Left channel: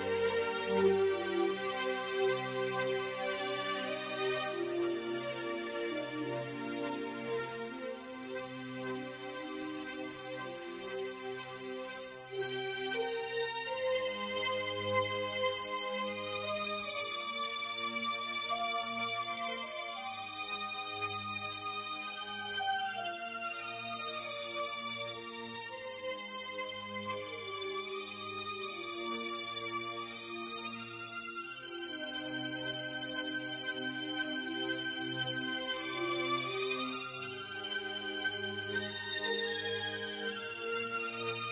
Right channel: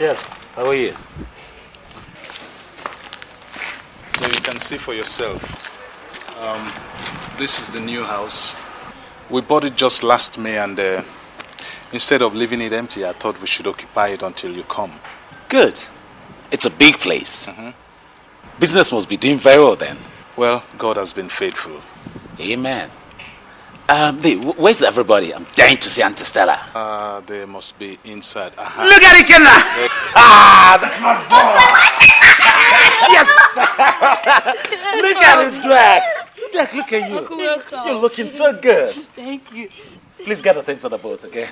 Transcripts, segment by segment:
Yes, how are you? So you can see for yourself. This is the new house. We bought it just last May, and instead of leaving it empty, I thought we should occupy it until you come. Good. It's a big place. Business must be doing very well then. Well, God has been faithful. Amen. Where's everybody? I'm dying to see Auntie Stella. They must be inside. Look at it, Kenna! That's my boy! Yes! Look at it, Zack! Zack, look at you. Welcome. You're looking so good. Thank you. Please get the things on the boat, okay?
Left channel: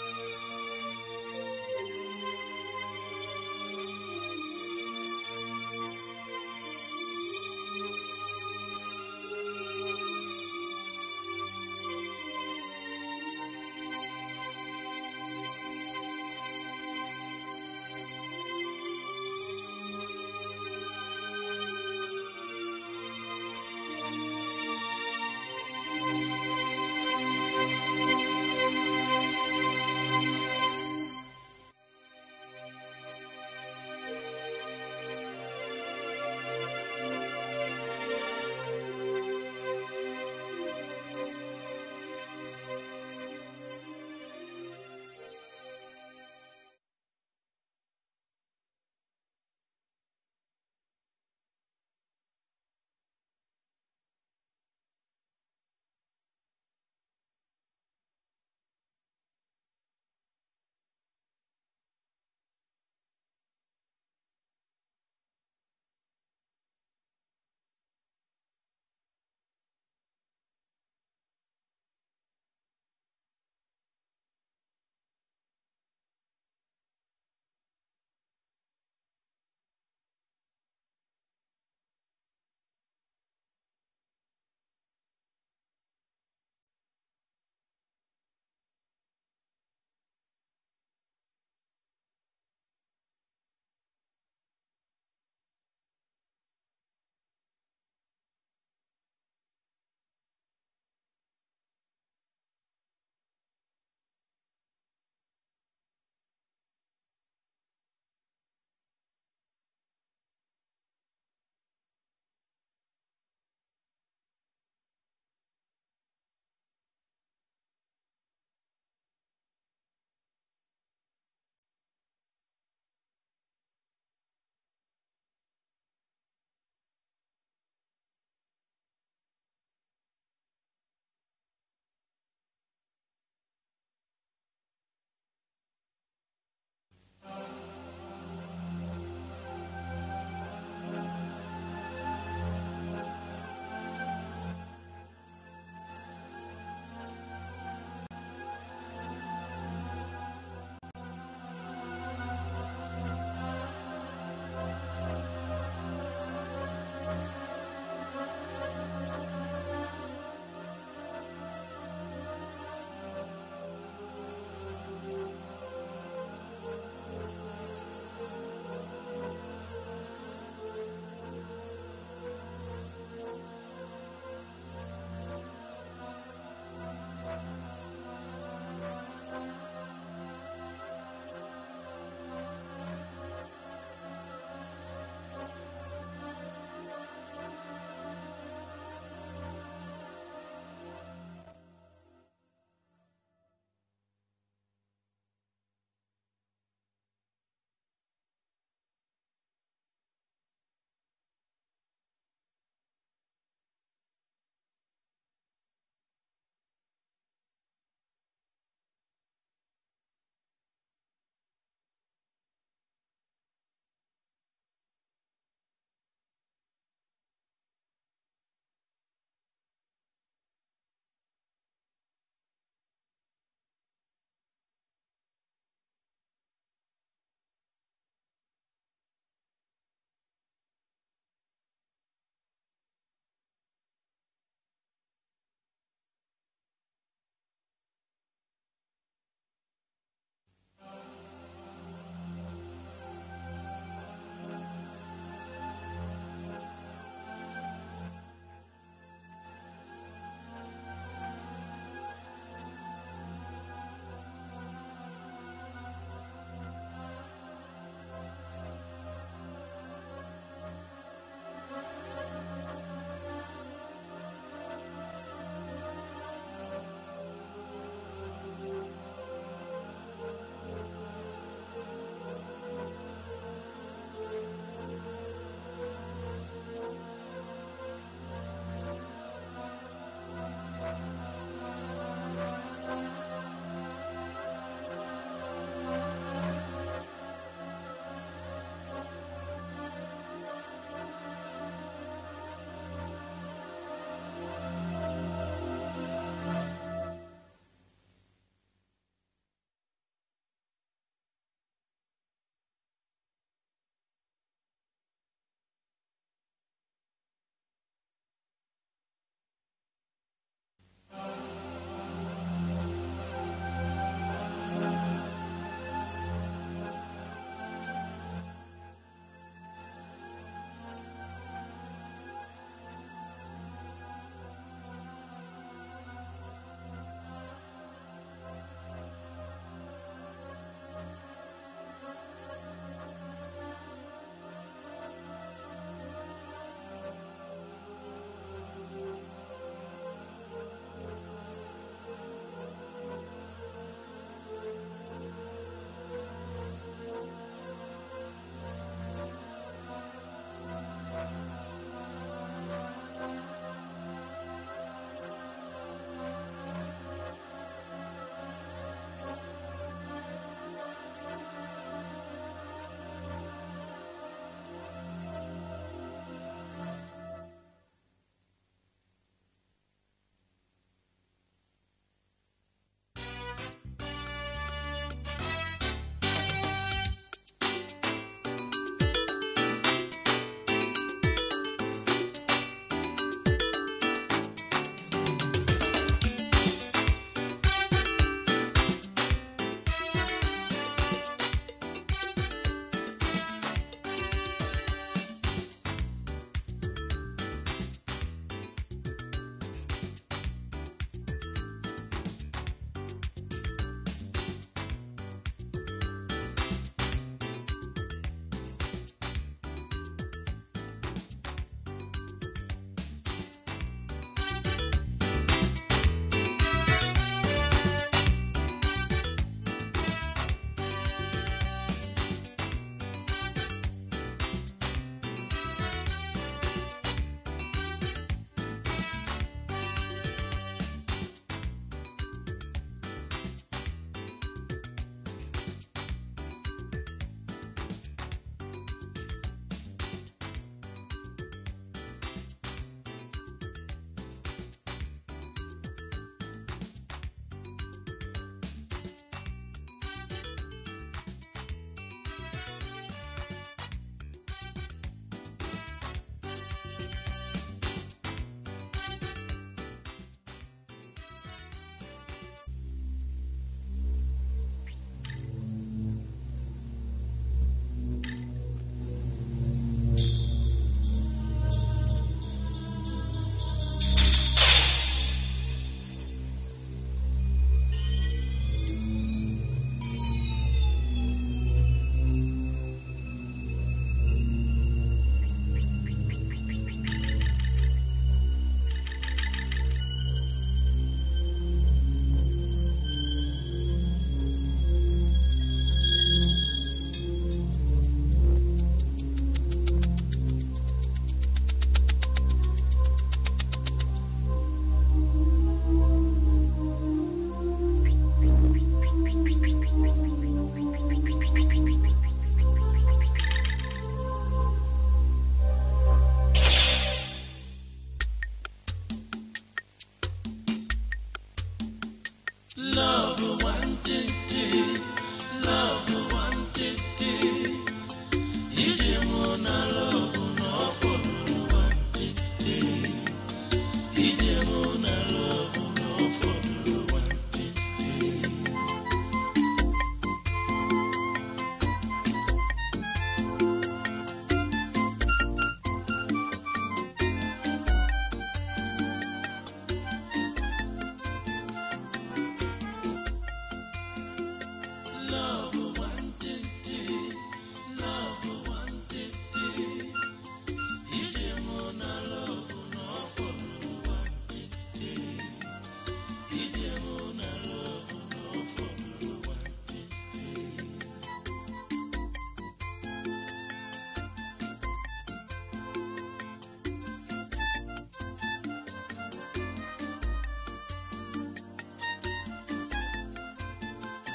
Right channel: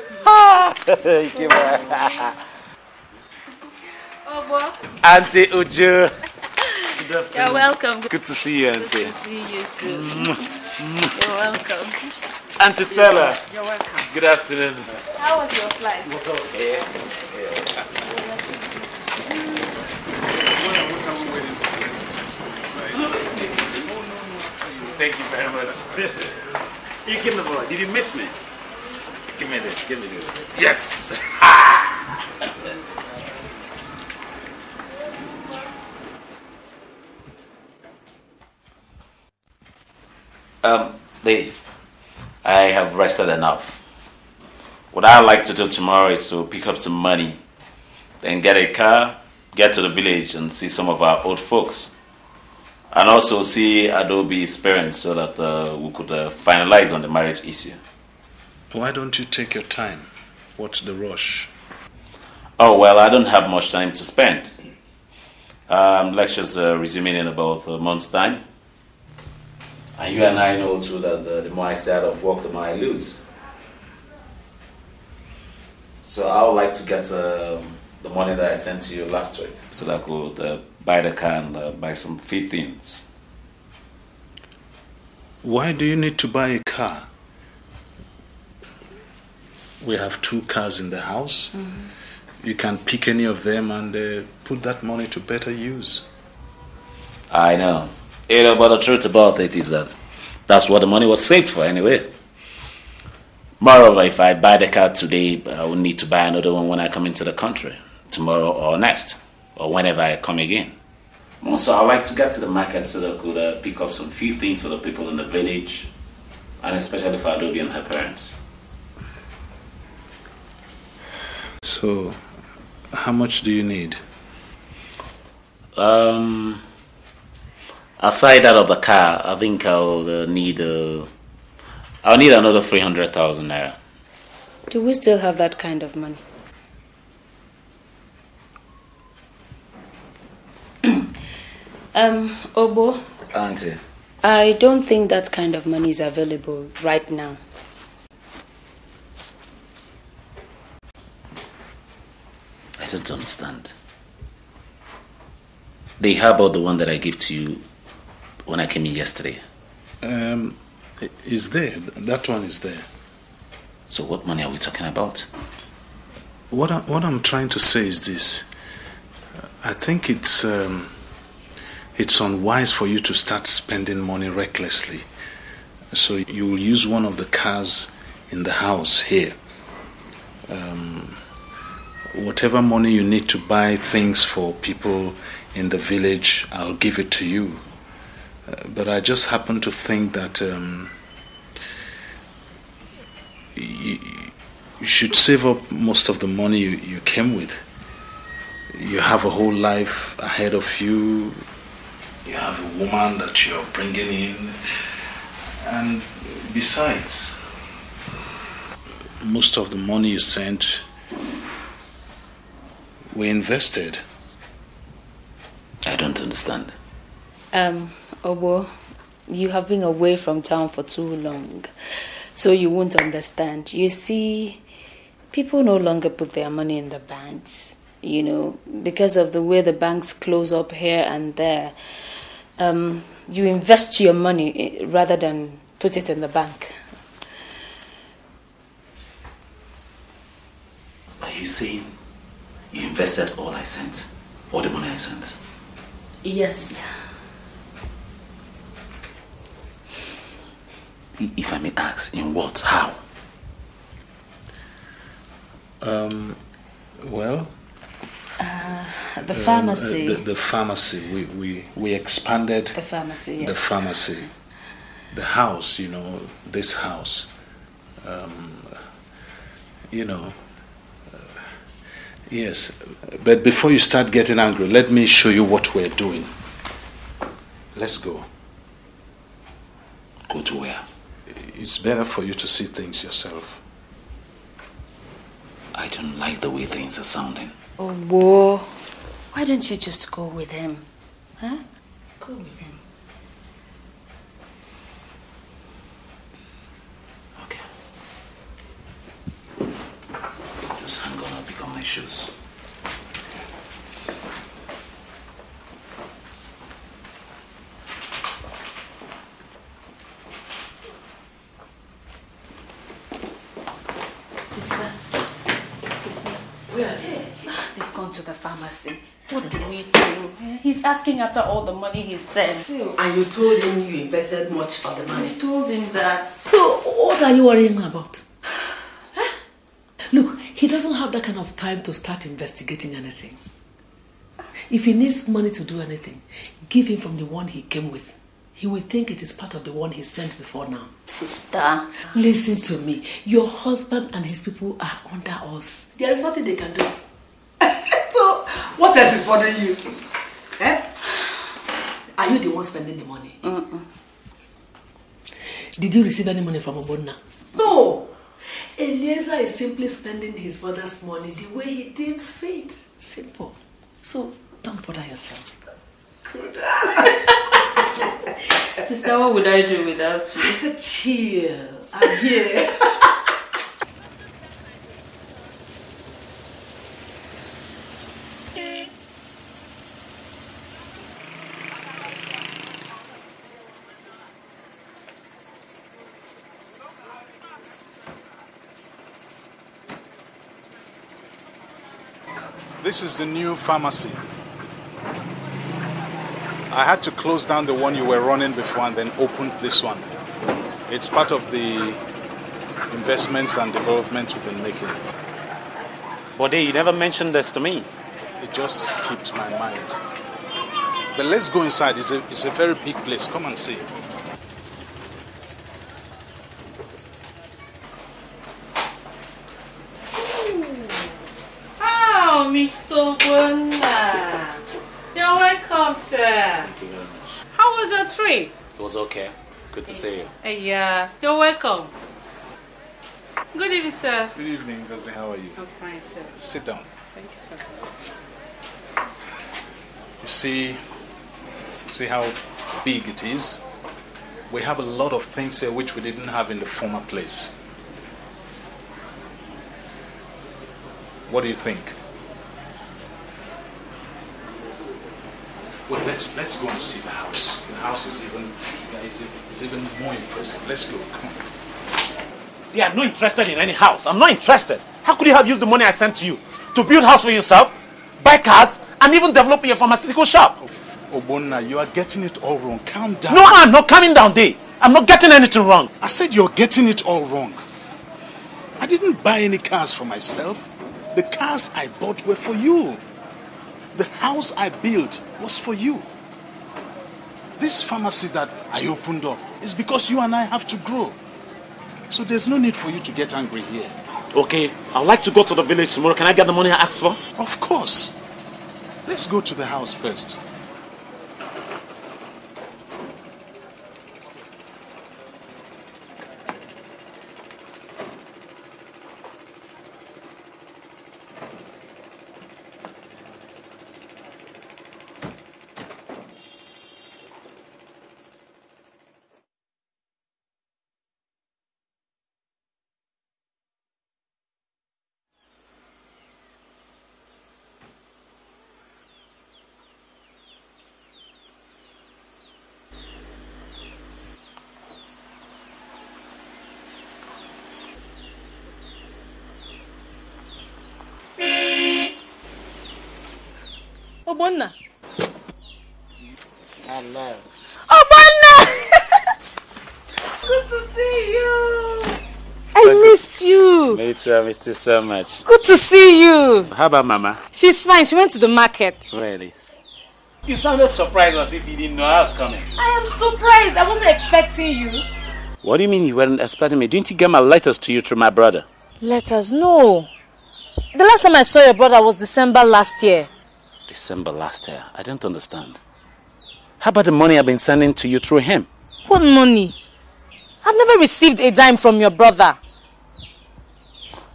Auntie Uche. You're welcome. Good to see you, Auntie. Good to see you too. You're welcome. Auntie Stella. You're welcome. Good afternoon. How was your flight? What's up? Yeah. Thank you very much. You give me more. Did you miss me? Give me this. Give me this. Yes. Lee, I have rested enough. What I'd like to do tomorrow is to pick up some money, then get a car, get to the village and see some of our old folks. And also see Adobe's parents so that we could finalize on the marriage issue. Why don't you take your time? What's the rush? Oh, well, I don't have much time to spend. Lectures resuming in about a month's time. And you and I know too that the more I stay out of work, the more I lose. So I would like to get the money that I sent to you last week so that I could buy the car and buy some few things. Why do you need to buy a car? We have 2 cars in the house. You can pick any of them and put that money to better use. I know. But the truth about it is that that's what the money was saved for anyway. Moreover, if I buy the car today, I will need to buy another one when I come into the country, tomorrow or next, or whenever I come again. Also, I like to get to the market so that I could pick up some few things for the people in the village, and especially for Adobe and her parents. So, how much do you need? Aside that of the car, I think I'll need another 300,000 naira. Do we still have that kind of money? Obo? Auntie. I don't think that kind of money is available right now. I don't understand. How about the one that I gave to you when I came in yesterday? Is there. That one is there. So what money are we talking about? What I'm trying to say is this. I think it's unwise for you to start spending money recklessly. So you will use one of the cars in the house here. Whatever money you need to buy things for people in the village, I'll give it to you. But I just happen to think that you should save up most of the money you came with. You have a whole life ahead of you. You have a woman that you're bringing in. And besides, most of the money you sent, we invested. I don't understand. Obo, you have been away from town for too long, so you won't understand. You see, people no longer put their money in the banks, you know, because of the way the banks close up here and there. You invest your money rather than put it in the bank. Are you saying you invested all I sent? All the money I sent? Yes. If I may ask, in what? How? Well, The pharmacy. The pharmacy. We expanded the pharmacy. Yes. The pharmacy. The house, this house. Yes. But before you start getting angry, let me show you what we're doing. Let's go. Go to where? It's better for you to see things yourself. I don't like the way things are sounding. Oh, whoa. Why don't you just go with him? Huh? Go with him. Okay. Just hang on, I'll pick up my shoes. To the pharmacy. What do we do? He's asking after all the money he sent. And you told him you invested much of the money. I told him that. So what are you worrying about? Huh? Look, he doesn't have that kind of time to start investigating anything. If he needs money to do anything, give him from the one he came with. He will think it is part of the one he sent before now. Sister, listen to me. Your husband and his people are under us. There is nothing they can do. So, what else is bothering you? Eh? Are you the one spending the money? Did you receive any money from Obonna? No. Eliezer is simply spending his brother's money the way he deems fit. Simple. So, don't bother yourself. Good. Sister, what would I do without you? I said chill. I'm here. This is the new pharmacy. I had to close down the one you were running before and then open this one. It's part of the investments and development we've been making. Bode, you never mentioned this to me. It just skipped my mind. But let's go inside. It's a very big place. Come and see. Oh, Mr. Wanda. You're welcome, sir. How was your trip? It was okay. Good to see you. Yeah, you're welcome. Good evening, sir. Good evening, Gozi. How are you? I'm fine, sir. Sit down. Thank you, sir. You see how big it is? We have a lot of things here which we didn't have in the former place. What do you think? Well, let's go and see the house. The house is even bigger. It's even more impressive. Let's go. Come on. They are not interested in any house. I'm not interested. How could you have used the money I sent to you to build a house for yourself, buy cars, and even develop your pharmaceutical shop? Obonna, you are getting it all wrong. Calm down. No, I'm not coming down there. I'm not getting anything wrong. I said you're getting it all wrong. I didn't buy any cars for myself. The cars I bought were for you. The house I built was for you. This pharmacy that I opened up is because you and I have to grow. So there's no need for you to get angry here. Okay, I'd like to go to the village tomorrow. Can I get the money I asked for? Of course. Let's go to the house first. missed you. Me too, I missed you so much. Good to see you. How about Mama? She's fine. She went to the market. Really? You sounded surprised as if you didn't know I was coming. I am surprised. I wasn't expecting you. What do you mean you weren't expecting me? Didn't you get my letters to you through my brother? Letters? No. The last time I saw your brother was December last year. December last year? I don't understand. How about the money I've been sending to you through him? What money? I've never received a dime from your brother.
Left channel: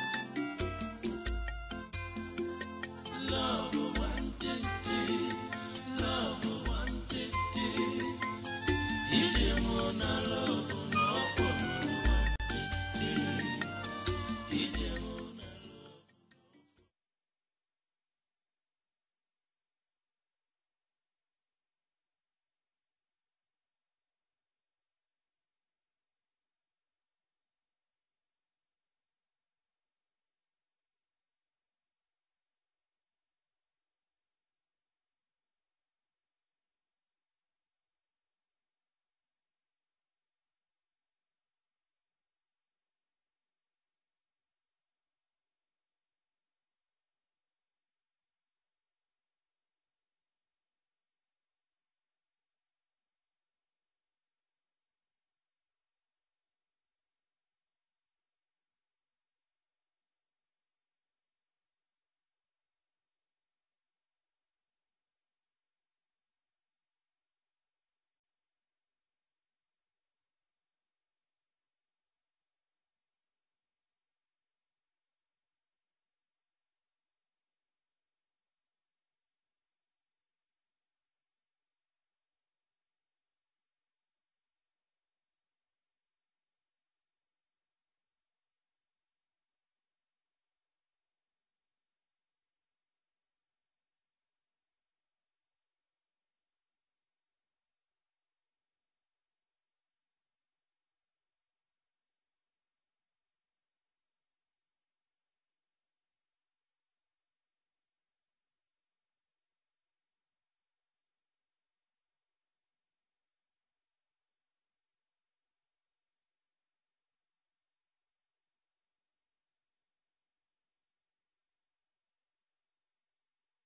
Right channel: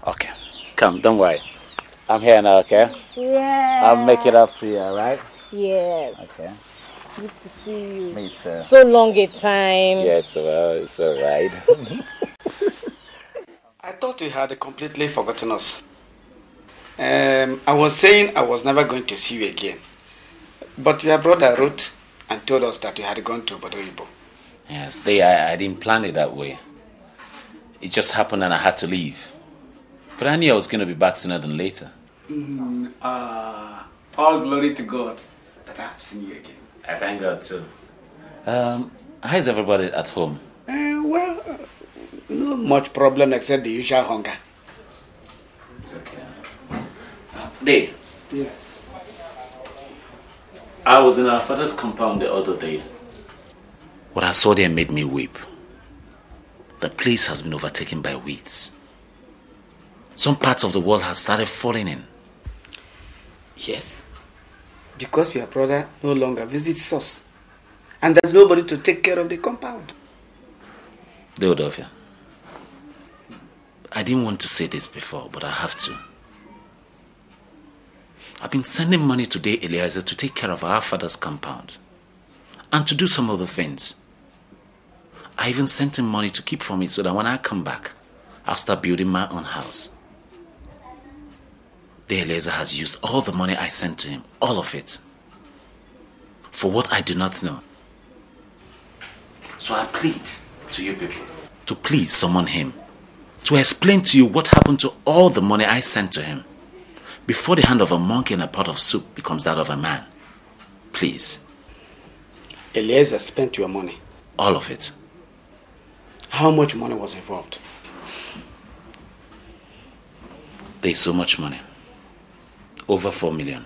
Okay. Come, don't worry. I'm here now, okay? Yeah. I'll make it up to you, alright? Yes. Okay. Good to see you. Me too. So long a time. Yeah, it's alright. I thought you had completely forgotten us. I was saying I was never going to see you again. But your brother wrote and told us that you had gone to Bodoibo. Yes, I didn't plan it that way. It just happened and I had to leave. But I knew I was going to be back sooner than later. All glory to God that I have seen you again. I thank God too. How's everybody at home? Well, no much problem except the usual hunger. It's okay. Dave. Yes. I was in our father's compound the other day. What I saw there made me weep. The place has been overtaken by weeds. Some parts of the world have started falling in. Yes. Because your brother no longer visits us. And there's nobody to take care of the compound. Deodofia, I didn't want to say this before, but I have to. I've been sending money today, Eliezer, to take care of our father's compound. And to do some other things. I even sent him money to keep for me so that when I come back, I'll start building my own house. The Eliezer has used all the money I sent to him, all of it, for what I do not know. So I plead to you people to please summon him, to explain to you what happened to all the money I sent to him before the hand of a monkey in a pot of soup becomes that of a man. Please. Eliezer spent your money. All of it. How much money was involved? There's so much money. Over 4 million.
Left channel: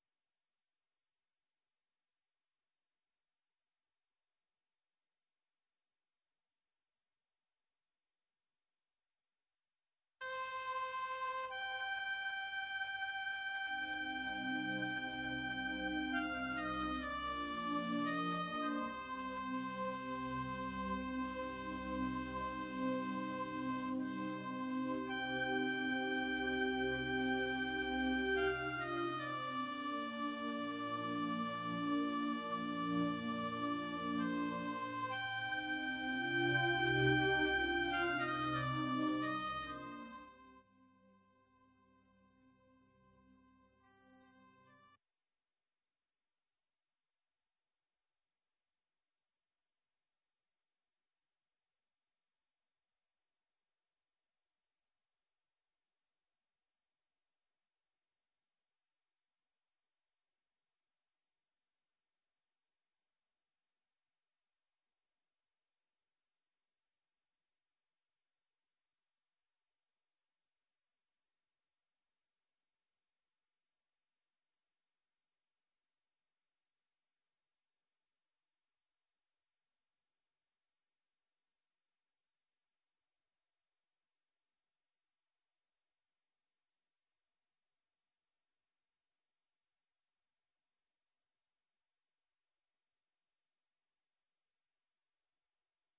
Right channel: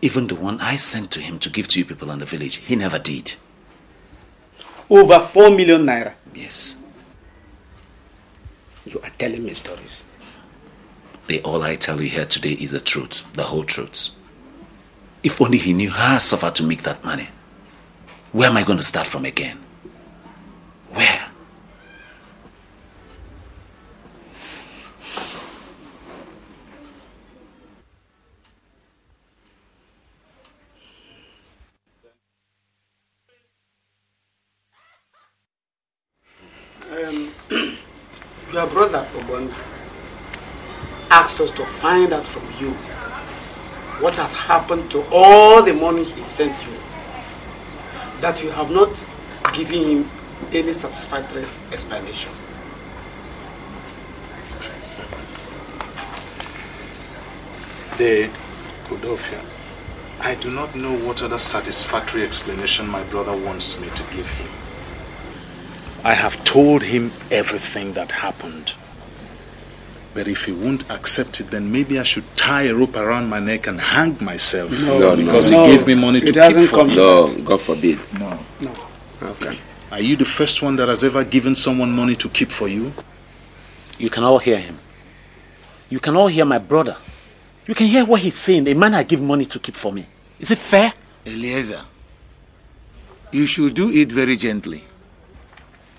Even the one I sent to him to give to you people in the village, he never did. Over 4 million naira? Yes. You are telling me stories. All I tell you here today is the truth, the whole truth. If only he knew how I suffered to make that money. Where am I going to start from again? Where? Your brother Obon asked us to find out from you what has happened to all the money he sent you, that you have not given him any satisfactory explanation. Odofia, I do not know what other satisfactory explanation my brother wants me to give him. I have told him everything that happened. But if he won't accept it, then maybe I should tie a rope around my neck and hang myself. Because he gave me money to keep for me. No, God forbid. No. Okay. Are you the first one that has ever given someone money to keep for you? You can all hear him. You can all hear my brother. You can hear what he's saying. A man I give money to keep for me. Is it fair? Eliezer, you should do it very gently.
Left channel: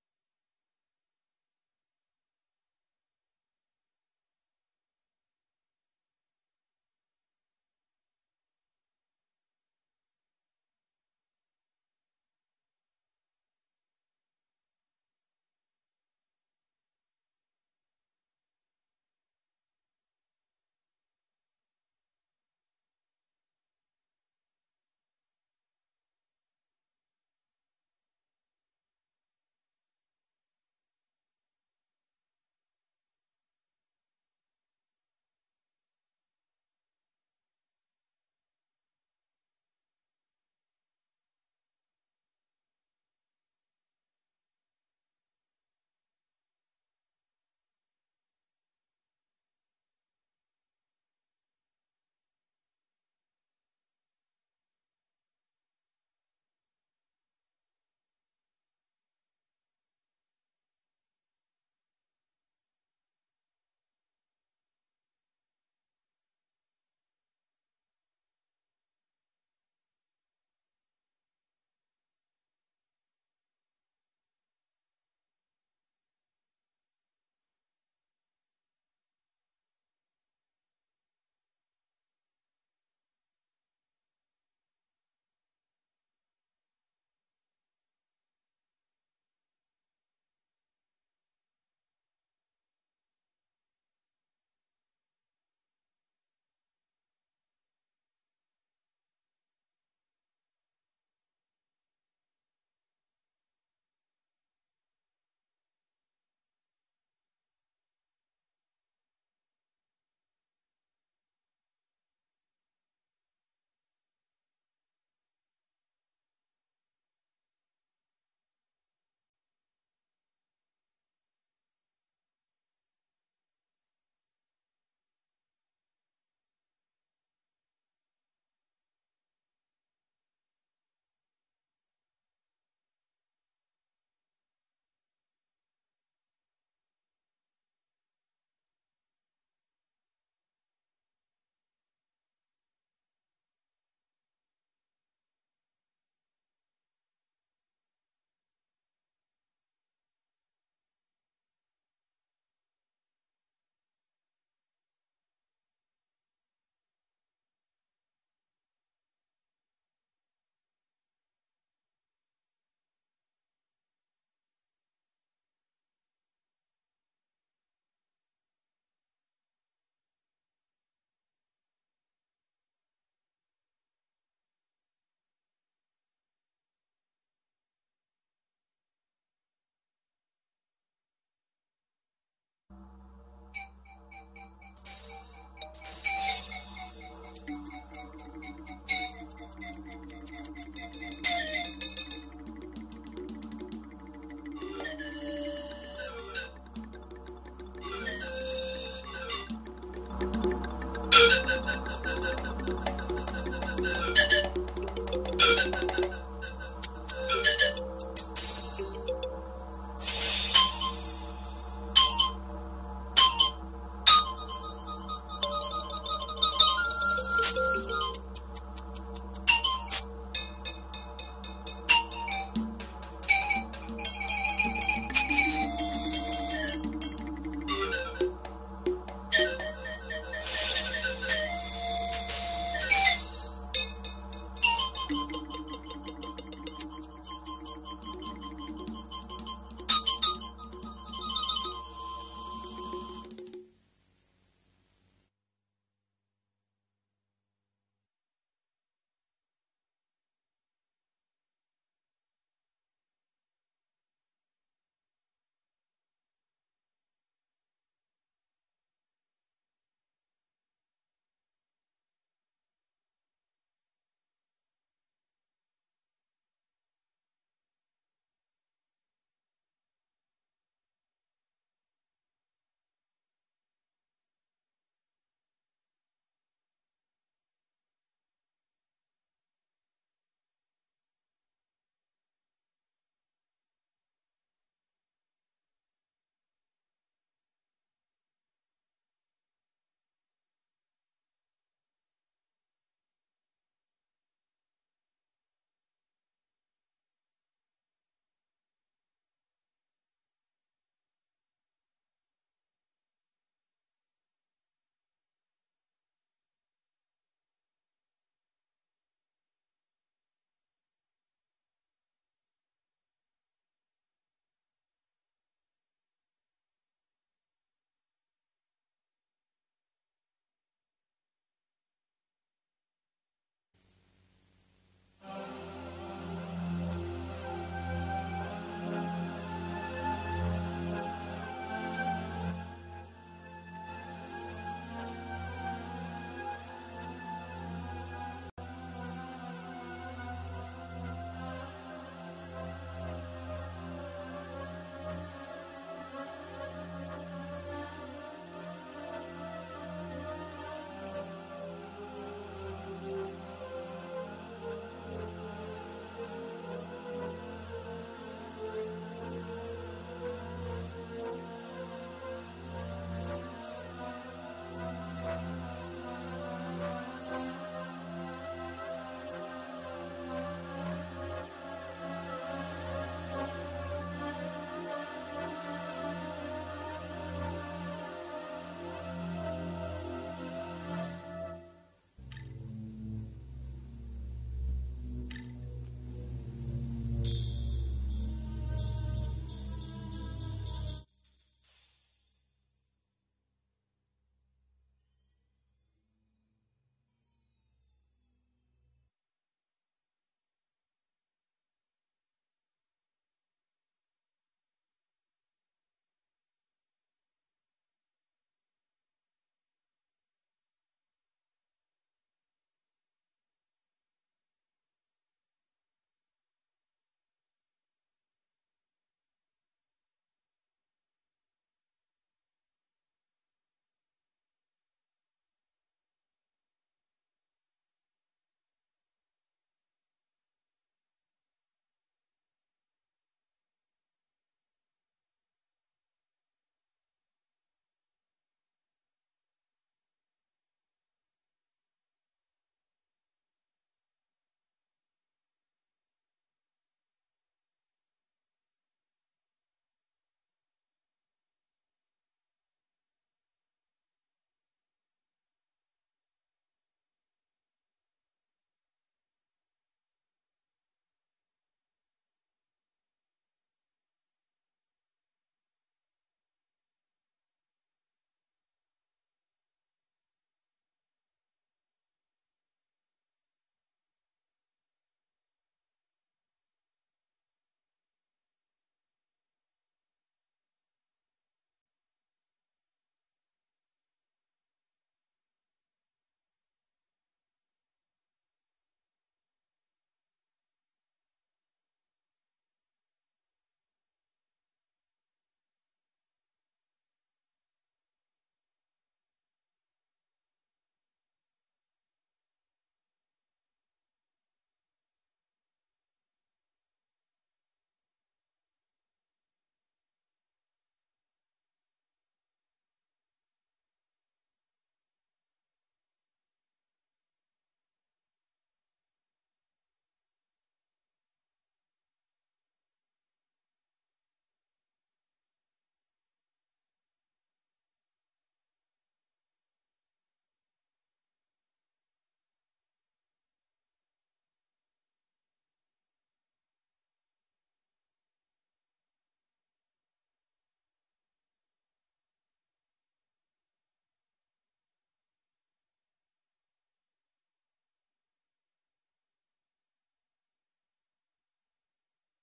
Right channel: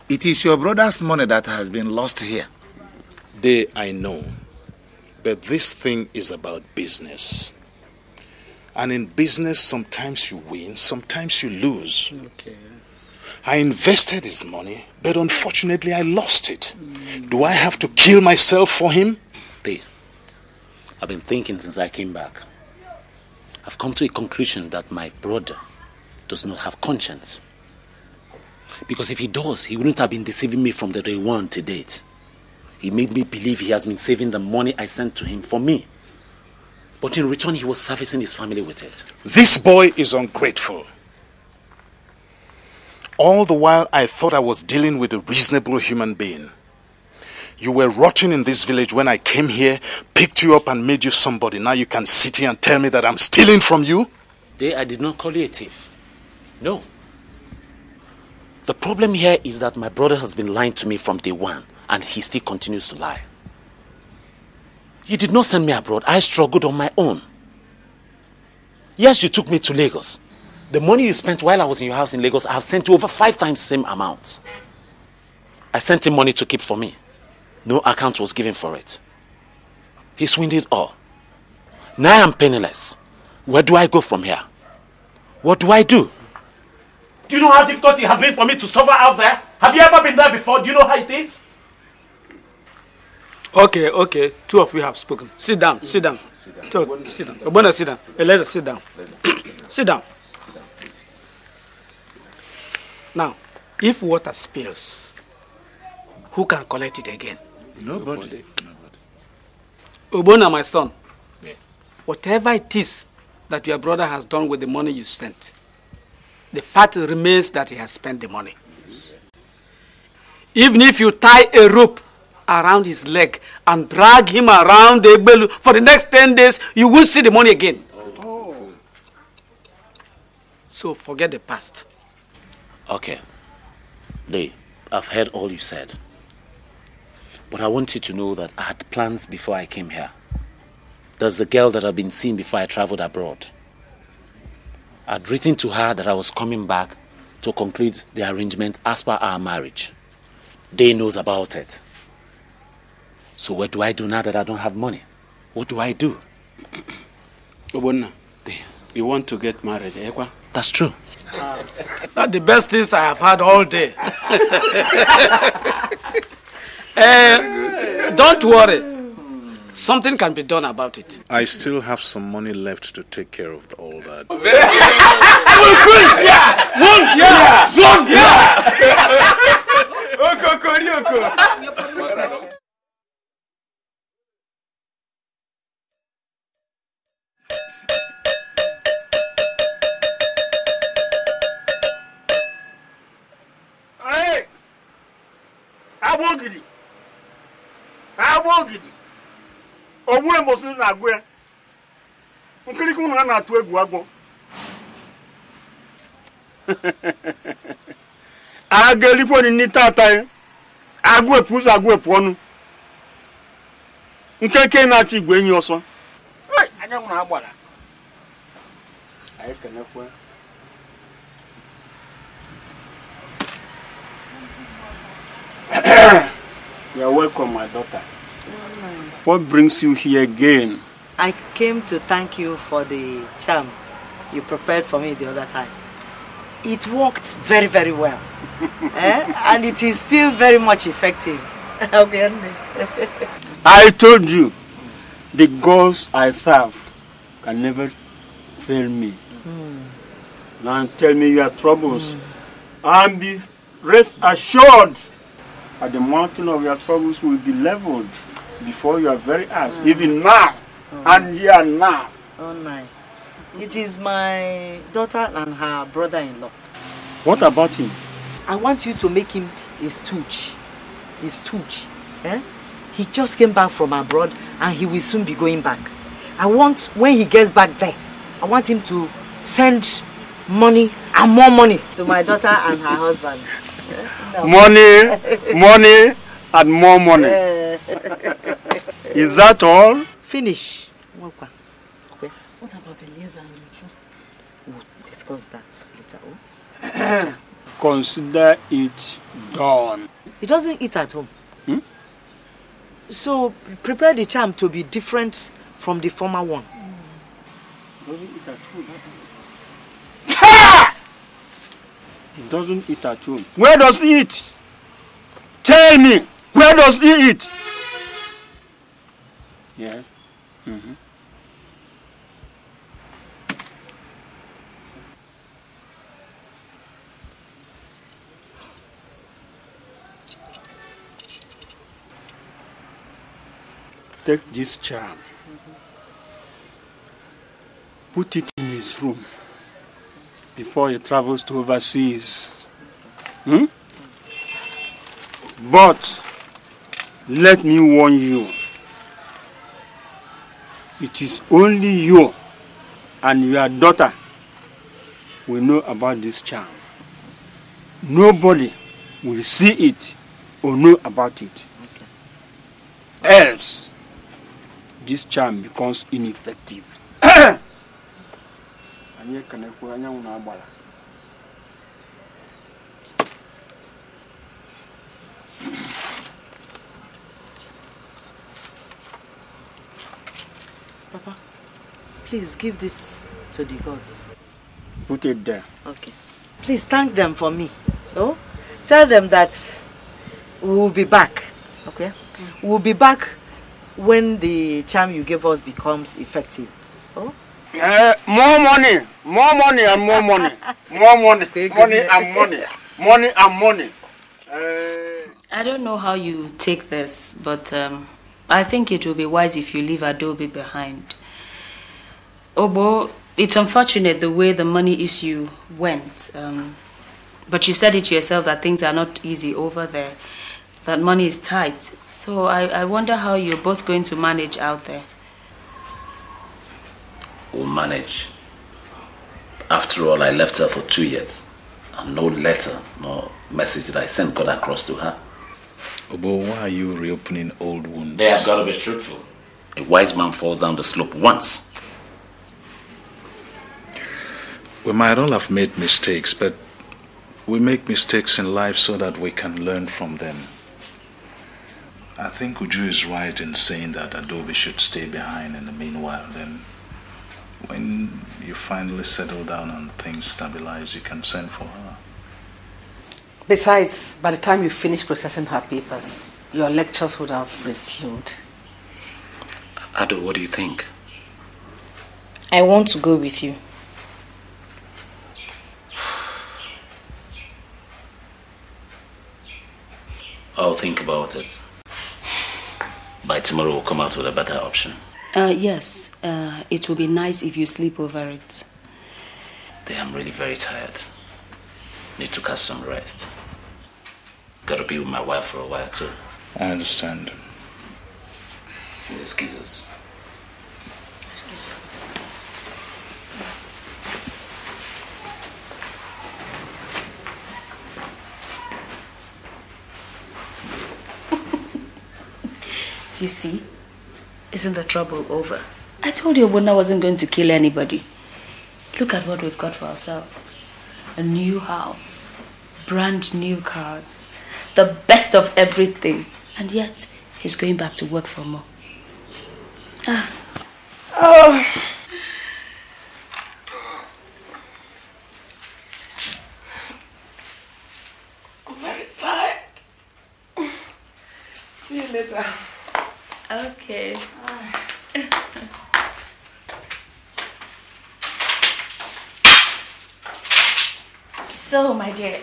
It is your brother's money that has been lost here. I know. But this thing is about business. And in business, sometimes you win, sometimes you lose. Okay. I invested his money, but unfortunately I lost it. Do I have to kill myself for him? I've been thinking since I came back. I've come to a conclusion that my brother does not have conscience. Because if he does, he wouldn't have been deceiving me from the day one to date. He made me believe he has been saving the money I sent to him for me. But in return, he was servicing his family with it. This boy is ungrateful. All the while, I thought I was dealing with a reasonable human being. You were rotting in this village when I came here, picked you up and made you somebody. Now you can sit here and tell me that I'm stealing from you? I did not call you a thief. No. The problem here is that my brother has been lying to me from day one, and he still continues to lie. You did not send me abroad. I struggled on my own. Yes, you took me to Lagos. The money you spent while I was in your house in Lagos, I have sent you over 5 times the same amount. I sent him money to keep for me. No account was given for it. He swindled all. Now I'm penniless. Where do I go from here? What do I do? Do you know how difficult it has been for me to suffer out there? Have you ever been there before? Do you know how it is? Okay. 2 of you have spoken. Sit down. Sit down. Obona, sit down. Eleza, sit down. Sit down. Now, if water spills, who can collect it again? Nobody. Obona, my son, whatever it is that your brother has done with the money you sent, the fact remains that he has spent the money. Even if you tie a rope around his leg and drag him around the Egbelu for the next 10 days, you will see the money again. Oh. So forget the past. Okay. Lee, I've heard all you said. But I want you to know that I had plans before I came here. There's a girl that I've been seeing before I traveled abroad. I'd written to her that I was coming back to conclude the arrangement as per our marriage. They knows about it. So what do I do now that I don't have money? What do I do? Obonna, you want to get married, eh? That's true. That's the best things I have had all day. Don't worry. Something can be done about it. I still have some money left to take care of all that. You're welcome, my daughter. What brings you here again? I came to thank you for the charm you prepared for me the other time. It worked very, very well. And it is still very much effective. I told you, the gods I serve can never fail me. Now tell me your troubles and be rest assured that the mountain of your troubles will be leveled before your very eyes, even now and here now. Oh, no. It is my daughter and her brother-in-law. What about him? I want you to make him a stooge. A stooge. He just came back from abroad and he will soon be going back. I want, when he gets back there, I want him to send money and more money to my daughter and her husband. No. Money and more money. Is that all? Finish. What about Elieza and Uche? We'll discuss that later. Consider it done. He doesn't eat at home. So prepare the charm to be different from the former one. Doesn't eat at home. He doesn't eat at home. Where does he eat? Tell me, where does he eat? Yes. Take this charm. Put it in his room before he travels to overseas. But let me warn you. It is only you and your daughter will know about this charm. Nobody will see it or know about it. Else, this charm becomes ineffective. Papa, please give this to the gods. Put it there. Okay. Please thank them for me. Oh? Tell them that we will be back. Okay? We will be back when the charm you gave us becomes effective. Oh? More money and more money. More money. Money and money. Money and money. I don't know how you take this, but I think it will be wise if you leave Adobe behind. Obo, it's unfortunate the way the money issue went. But you said it yourself that things are not easy over there. That money is tight. So I wonder how you're both going to manage out there. We'll manage. After all, I left her for 2 years. And no letter, no message that I sent got across to her. Obo, why are you reopening old wounds? They have got to be truthful. A wise man falls down the slope once. We might all have made mistakes, but we make mistakes in life so that we can learn from them. I think Uju is right in saying that Adobe should stay behind in the meanwhile. Then, when you finally settle down and things stabilize, you can send for her. Besides, by the time you finish processing her papers, your lectures would have resumed. Ado, what do you think? I want to go with you. I'll think about it. By tomorrow, we'll come out with a better option. Yes. It will be nice if you sleep over it. I'm really very tired. Need to catch some rest. Gotta be with my wife for a while, too. I understand. Excuse us. Excuse You see, isn't the trouble over? I told you Obona wasn't going to kill anybody. Look at what we've got for ourselves. A new house, brand new cars, the best of everything. And yet, he's going back to work for more. Oh. I'm very tired. See you later. Okay. So, my dear.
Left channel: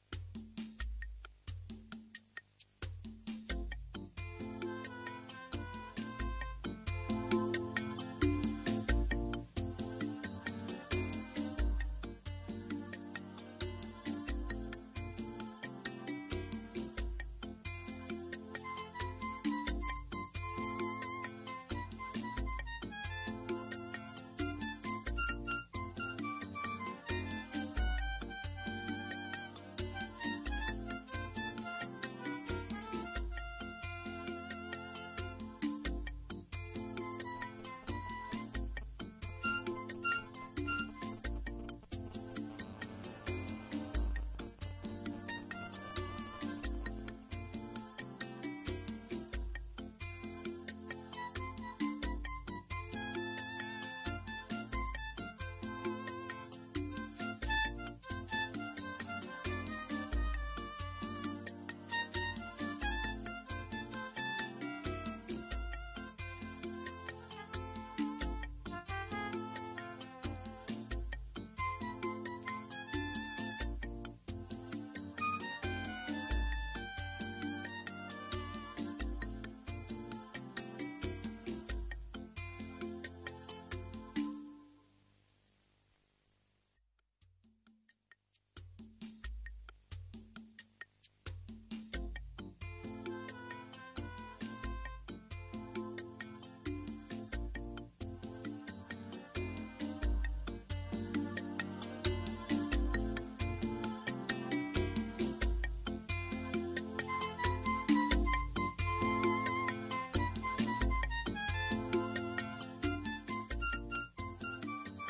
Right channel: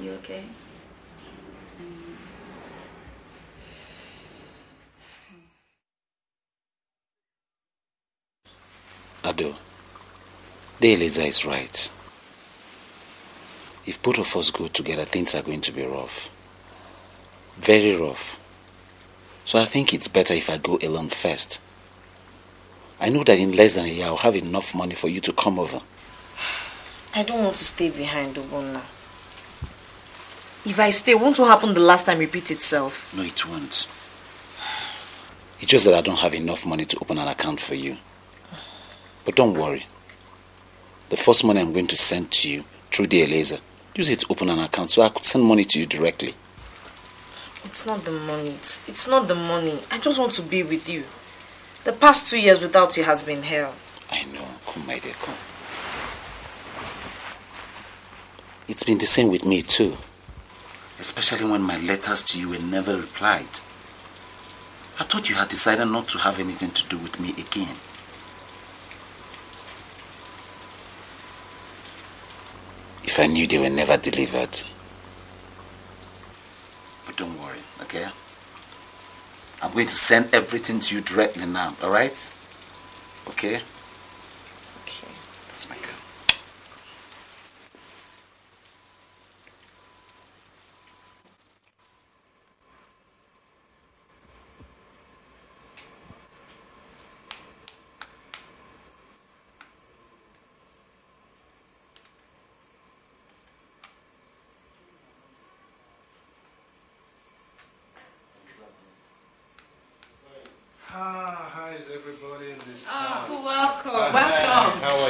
You okay? Ado, Eliza is right. If both of us go together, things are going to be rough. Very rough. So I think it's better if I go alone first. I know that in less than a year, I'll have enough money for you to come over. I don't want to stay behind, Obona. If I stay, won't what happened the last time repeat itself? No, it won't. It's just that I don't have enough money to open an account for you. But don't worry. The first money I'm going to send to you through the Eliza, use it to open an account so I could send money to you directly. It's not the money. It's not the money. I just want to be with you. The past 2 years without you has been hell. I know. Come, my dear, come. It's been the same with me too. Especially when my letters to you were never replied. I thought you had decided not to have anything to do with me again. If I knew they were never delivered. But don't worry, okay? I'm going to send everything to you directly now, alright? Okay? Okay. That's my girl.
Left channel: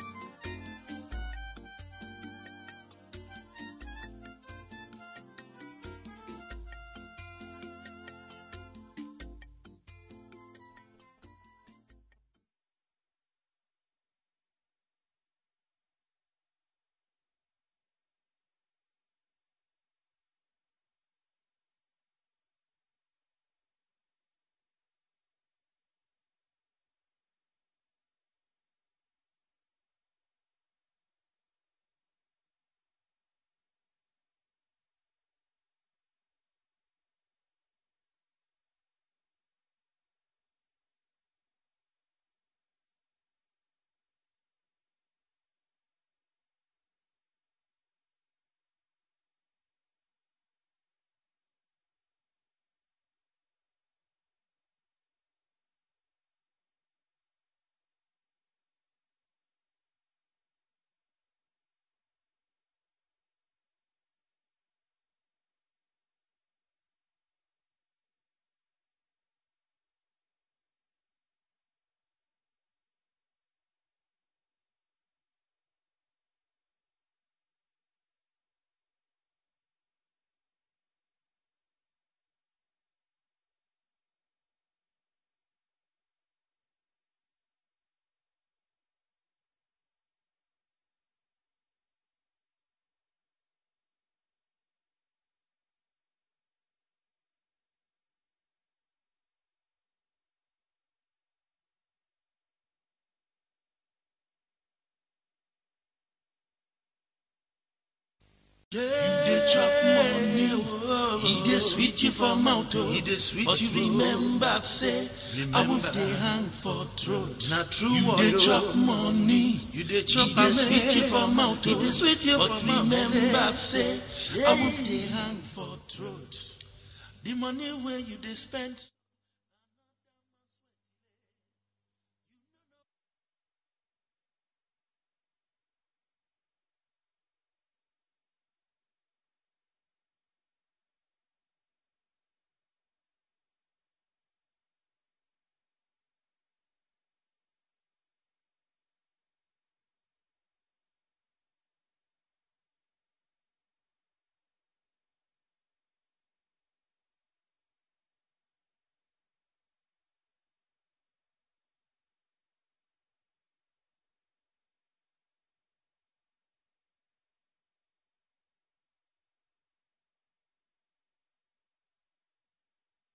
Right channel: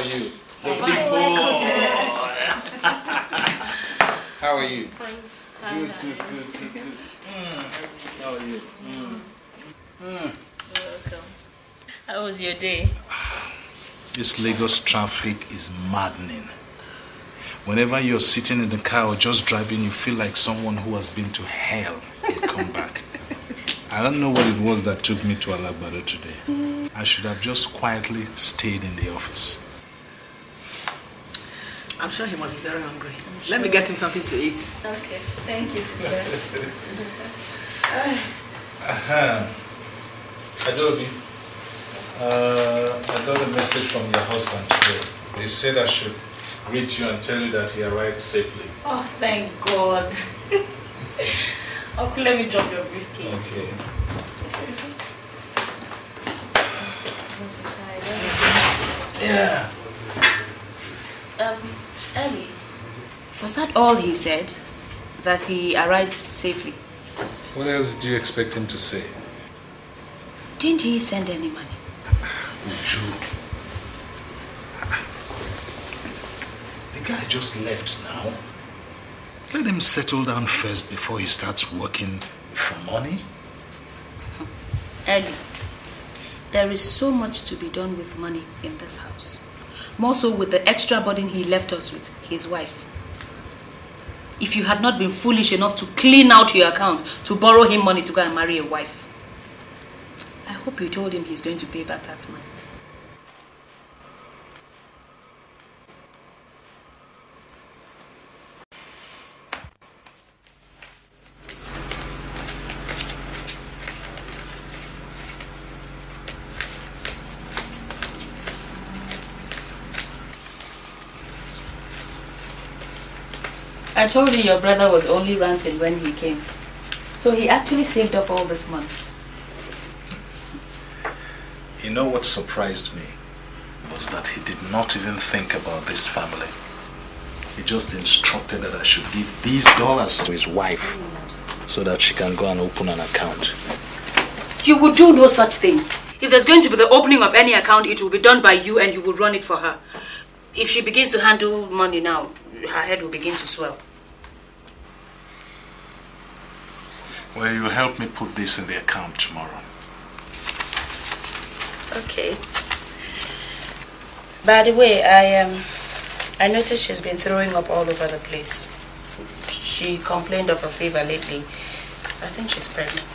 you? The big boy. How are you? Good. How are you? Welcome. How was your day? This Lagos traffic is maddening. Whenever you're sitting in the car or just driving, you feel like someone who has been to hell will come back. I don't know what it was that took me to Alagbado today. I should have just quietly stayed in the office. I'm sure he must be very hungry. Let me get him something to eat. Okay. Thank you, sister. Adobe, I got a message from your husband today. They said I should greet you and tell you that he arrived safely. Oh, thank God. Okay, let me drop your briefcase. Okay. Yeah. Ellie, was that all he said? That he arrived safely? What else do you expect him to say? Didn't he send any money? Uche. The guy just left now. Let him settle down first before he starts working for money. Ellie, there is so much to be done with money in this house. More so with the extra burden he left us with, his wife. If you had not been foolish enough to clean out your account to borrow him money to go and marry a wife, I hope you told him he's going to pay back that money. He sweet you for mouth, but you remember say I will stay hang for throat. Not true, they chop money. They sweet you for mouth, but remember say. I told you your brother was only ranting when he came, so he actually saved up all this money. You know what surprised me was that he did not even think about this family. He just instructed that I should give these dollars to his wife so that she can go and open an account. You would do no such thing. If there's going to be the opening of any account, it will be done by you and you will run it for her. If she begins to handle money now, her head will begin to swell. Well, you'll help me put this in the account tomorrow. Okay. By the way, I noticed she's been throwing up all over the place. She complained of a fever lately. I think she's pregnant.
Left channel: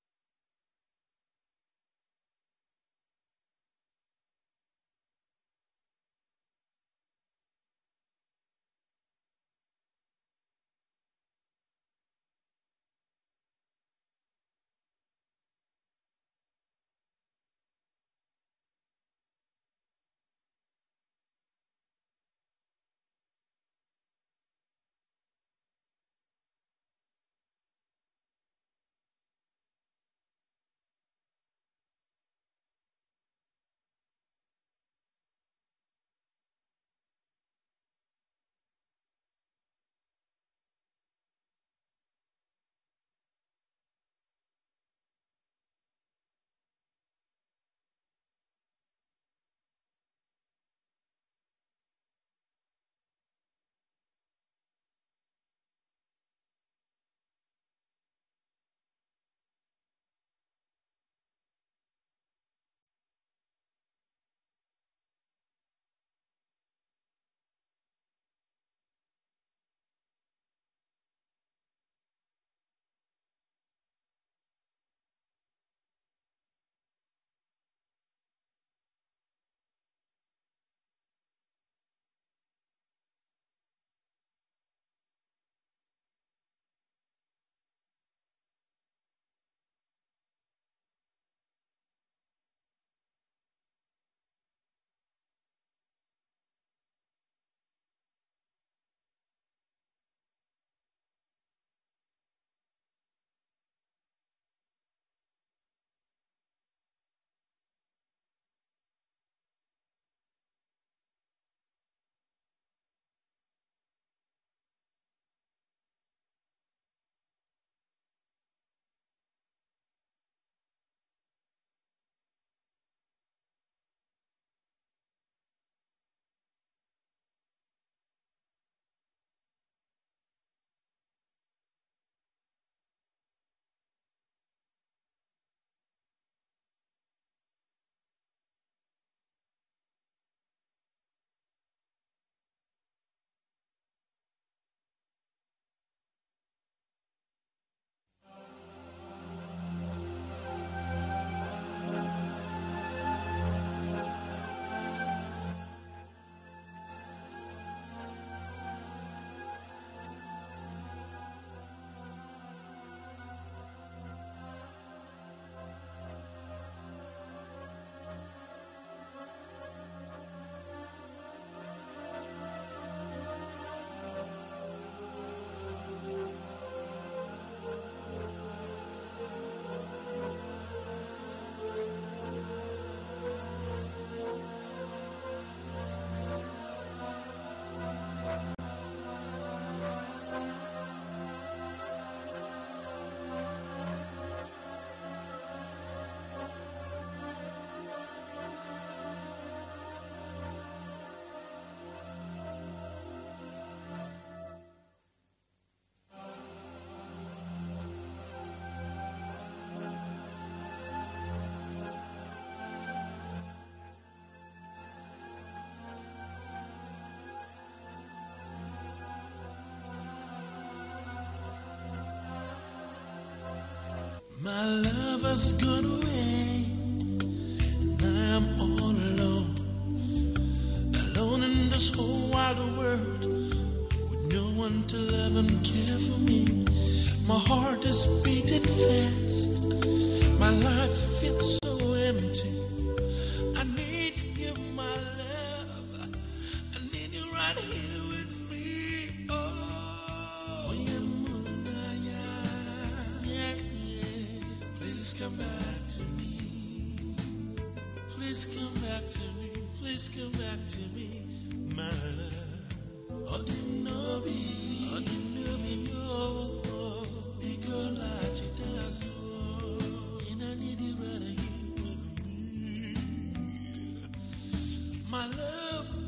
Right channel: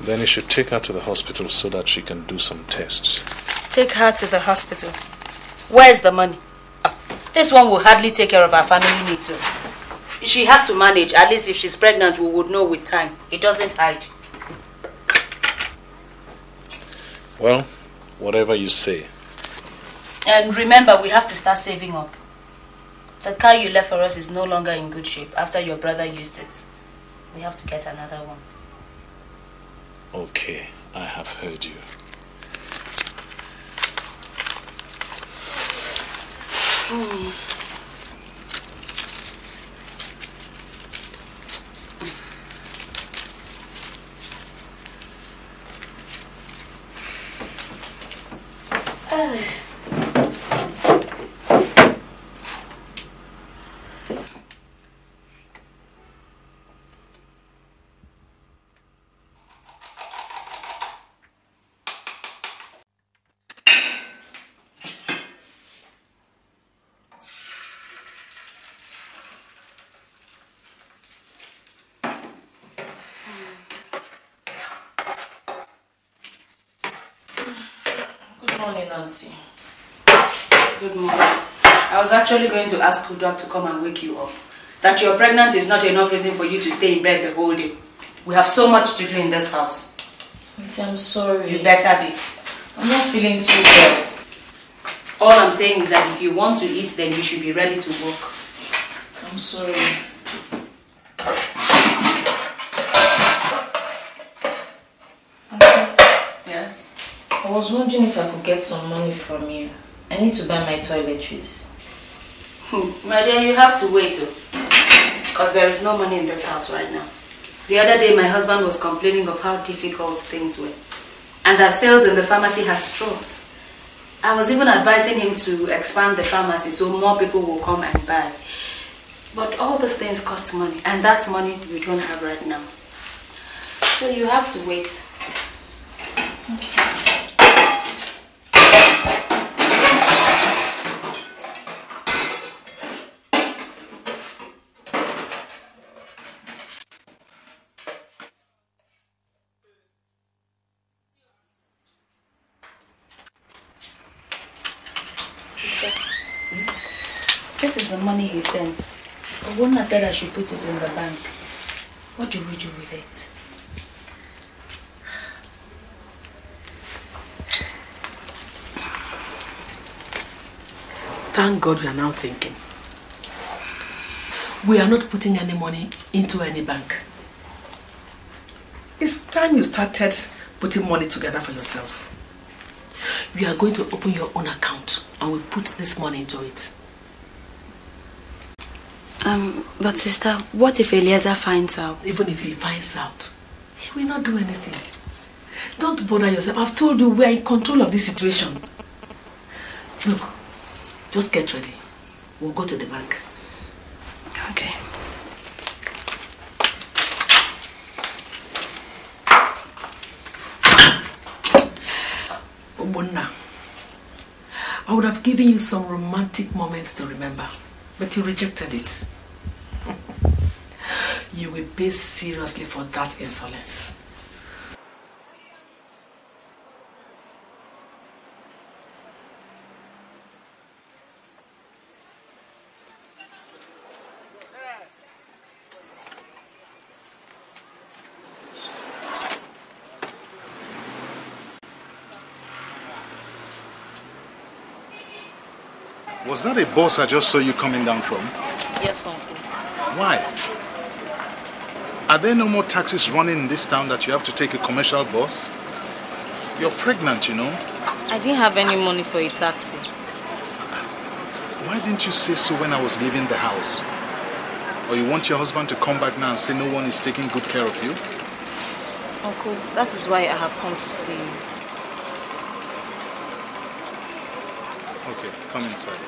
Then you should take her to the hospital so that she can do some tests. Take her to the hospital. Where's the money? This one will hardly take care of our family needs. She has to manage. At least if she's pregnant, we would know with time. It doesn't hide. Well, whatever you say. And remember, we have to start saving up. The car you left for us is no longer in good shape after your brother used it. We have to get another one. Okay, I have heard you. Good morning, Nancy. Good morning. I was actually going to ask Udoc to come and wake you up. That you're pregnant is not enough reason for you to stay in bed the whole day. We have so much to do in this house. Nancy, I'm sorry. You better be. I'm not feeling too well. All I'm saying is that if you want to eat, then you should be ready to work. I'm sorry. Yes? I was wondering if I could get some money from you. I need to buy my toiletries. My dear, you have to wait, because there is no money in this house right now. The other day, my husband was complaining of how difficult things were. and that sales in the pharmacy has dropped. I was even advising him to expand the pharmacy so more people will come and buy. But all these things cost money, and that money we don't have right now. So you have to wait. Okay. This is the money he sent. Owona said I should put it in the bank. What do we do with it? Thank God we are now thinking. We are not putting any money into any bank. It's time you started putting money together for yourself. You are going to open your own account and we'll put this money into it. But sister, what if Eliezer finds out? Even if he finds out, he will not do anything. Don't bother yourself. I've told you we are in control of this situation. Look, just get ready. We'll go to the bank. Okay. Obonna, I would have given you some romantic moments to remember, but you rejected it. You will pay seriously for that insolence. My love has gone away. I'm all alone. Alone in this whole wide world. With no one to love and care for me. My heart is beating fast. My life feels so empty. I need you, my love. Was that a bus I just saw you coming down from? Yes, sir. Why? Are there no more taxis running in this town that you have to take a commercial bus? You're pregnant, you know. I didn't have any money for a taxi. Why didn't you say so when I was leaving the house? Or you want your husband to come back now and say no one is taking good care of you? Uncle, that is why I have come to see you. Okay, come inside.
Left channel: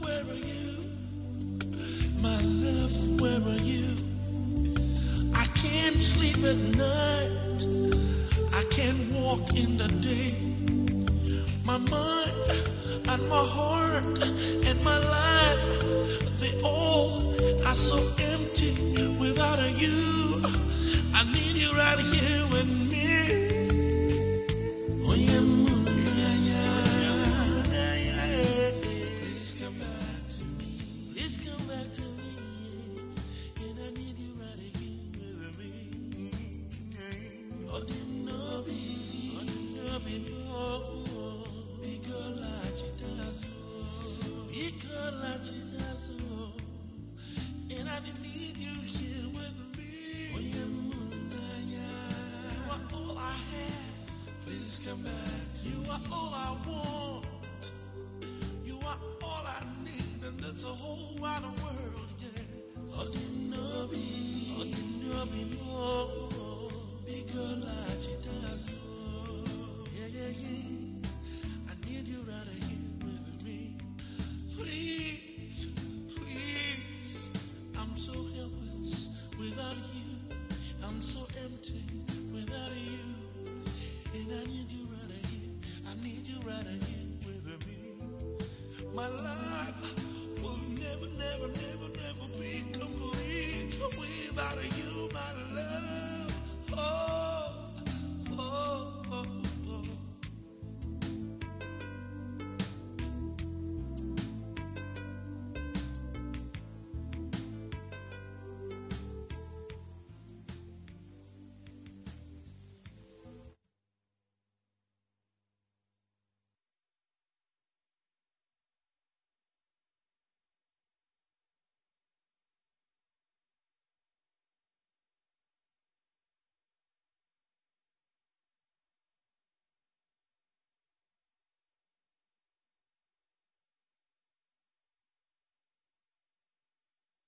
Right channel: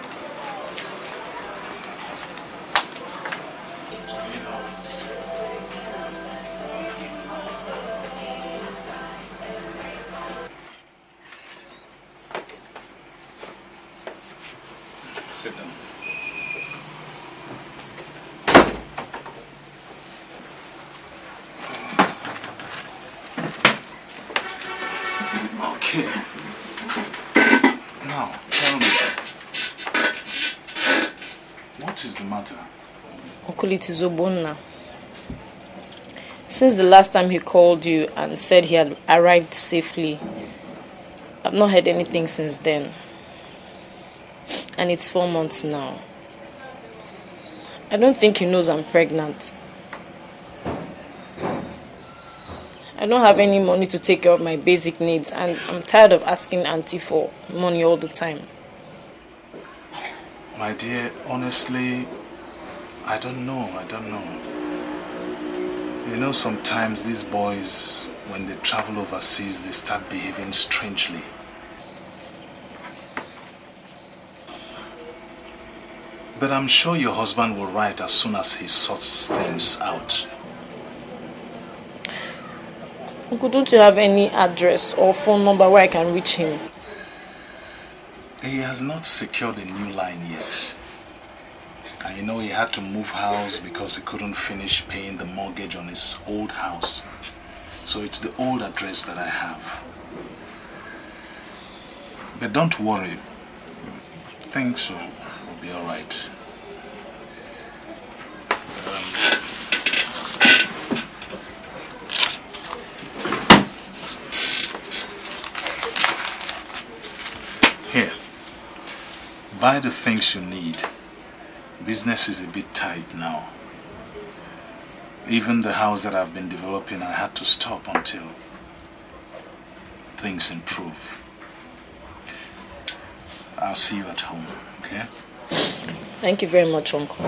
I can't sleep at night. I can't walk in the day. My mind and my heart and my life, they all are so empty without you. I need you right here with me. Okay. Now, tell me. What is the matter? Uncle, it is Obonna. Since the last time he called you and said he had arrived safely, I've not heard anything since then. And it's 4 months now. I don't think he knows I'm pregnant. I don't have any money to take care of my basic needs, and I'm tired of asking Auntie for money all the time. My dear, honestly, I don't know. You know, sometimes these boys, when they travel overseas, they start behaving strangely. But I'm sure your husband will write as soon as he sorts things out. Uncle, don't you have any address or phone number where I can reach him? He has not secured a new line yet. And you know he had to move house because he couldn't finish paying the mortgage on his old house. So it's the old address that I have. But don't worry. Things will be all right. Here. Buy the things you need. Business is a bit tight now. Even the house that I've been developing, I had to stop until things improve. I'll see you at home, okay? Thank you very much, Uncle.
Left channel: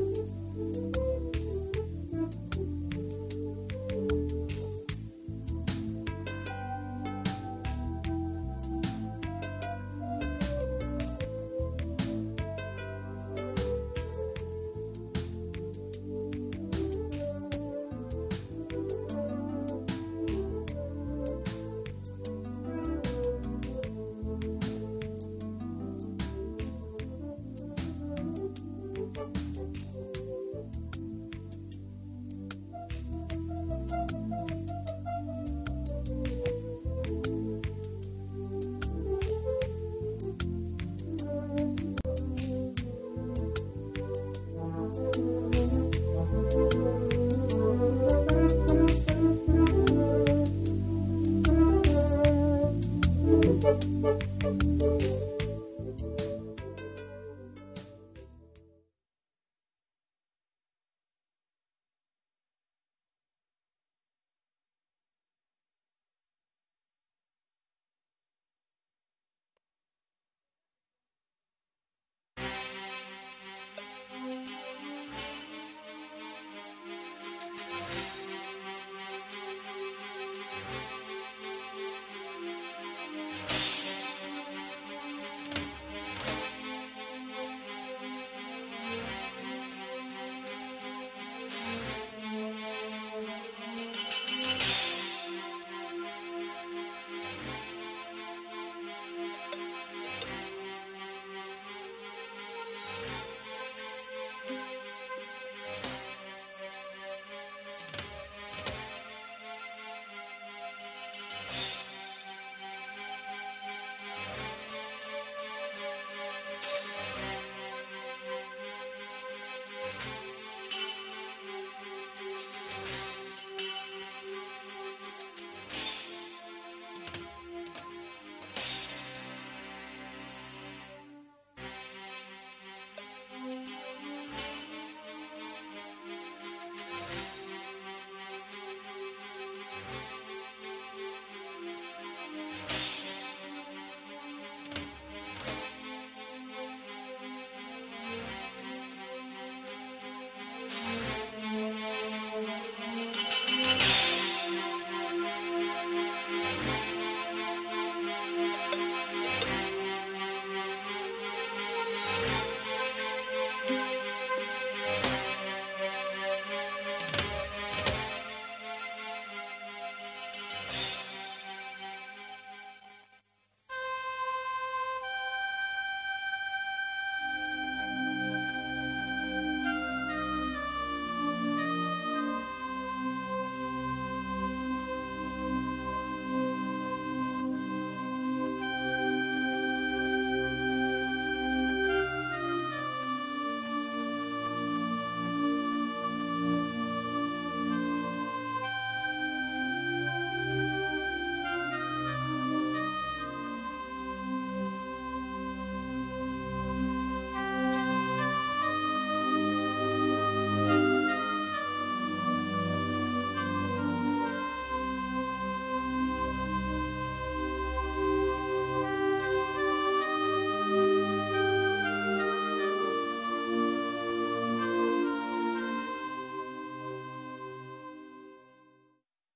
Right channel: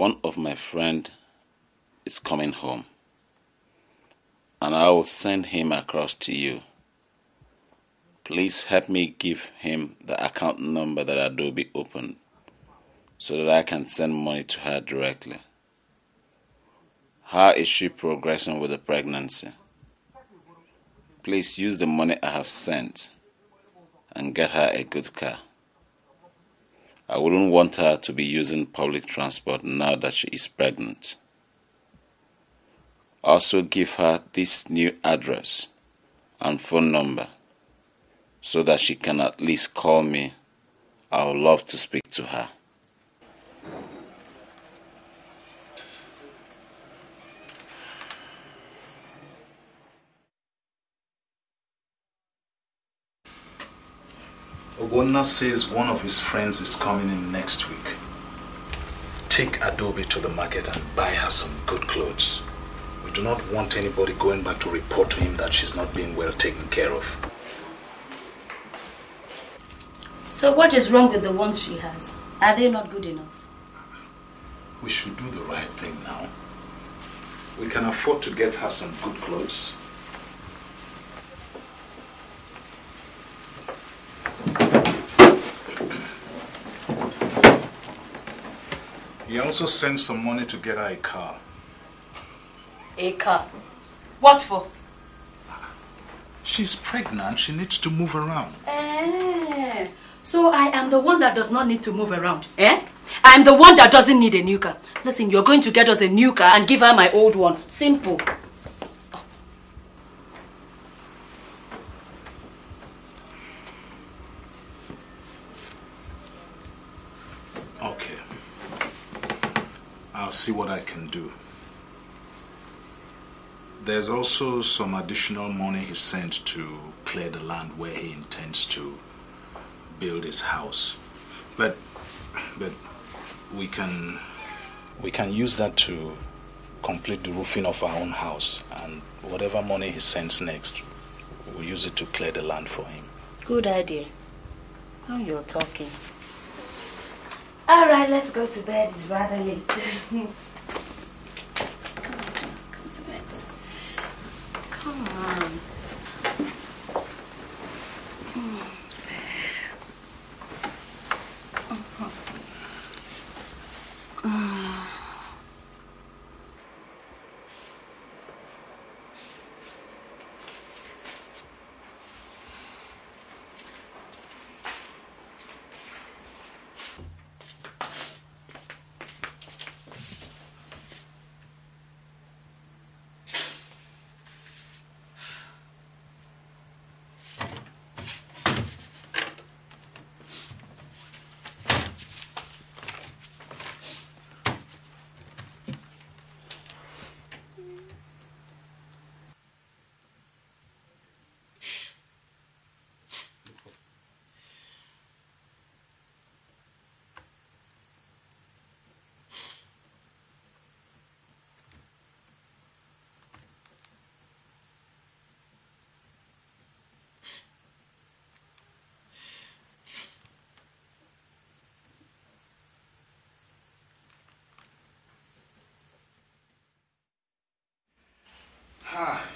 one of my friends is coming home, and I will send him across to you. Please help me give him the account number that Adobe opened so that I can send money to her directly. How is she progressing with the pregnancy? Please use the money I have sent and get her a good car. I wouldn't want her to be using public transport now that she is pregnant. Also give her this new address and phone number so that she can at least call me. I would love to speak to her. Owner says one of his friends is coming in next week. Take Adobe to the market and buy her some good clothes. We do not want anybody going back to report to him that she's not being well taken care of. So what is wrong with the ones she has? Are they not good enough? We should do the right thing now. We can afford to get her some good clothes. He also sent some money to get her a car. A car? What for? She's pregnant. She needs to move around. So I am the one that does not need to move around, eh? I am the one that doesn't need a new car. Listen, you're going to get us a new car and give her my old one. Simple. Okay. I'll see what I can do. There's also some additional money he sent to clear the land where he intends to build his house. But we can use that to complete the roofing of our own house, and whatever money he sends next, we'll use it to clear the land for him. Good idea. Now you're talking. All right, let's go to bed. It's rather late. Come on.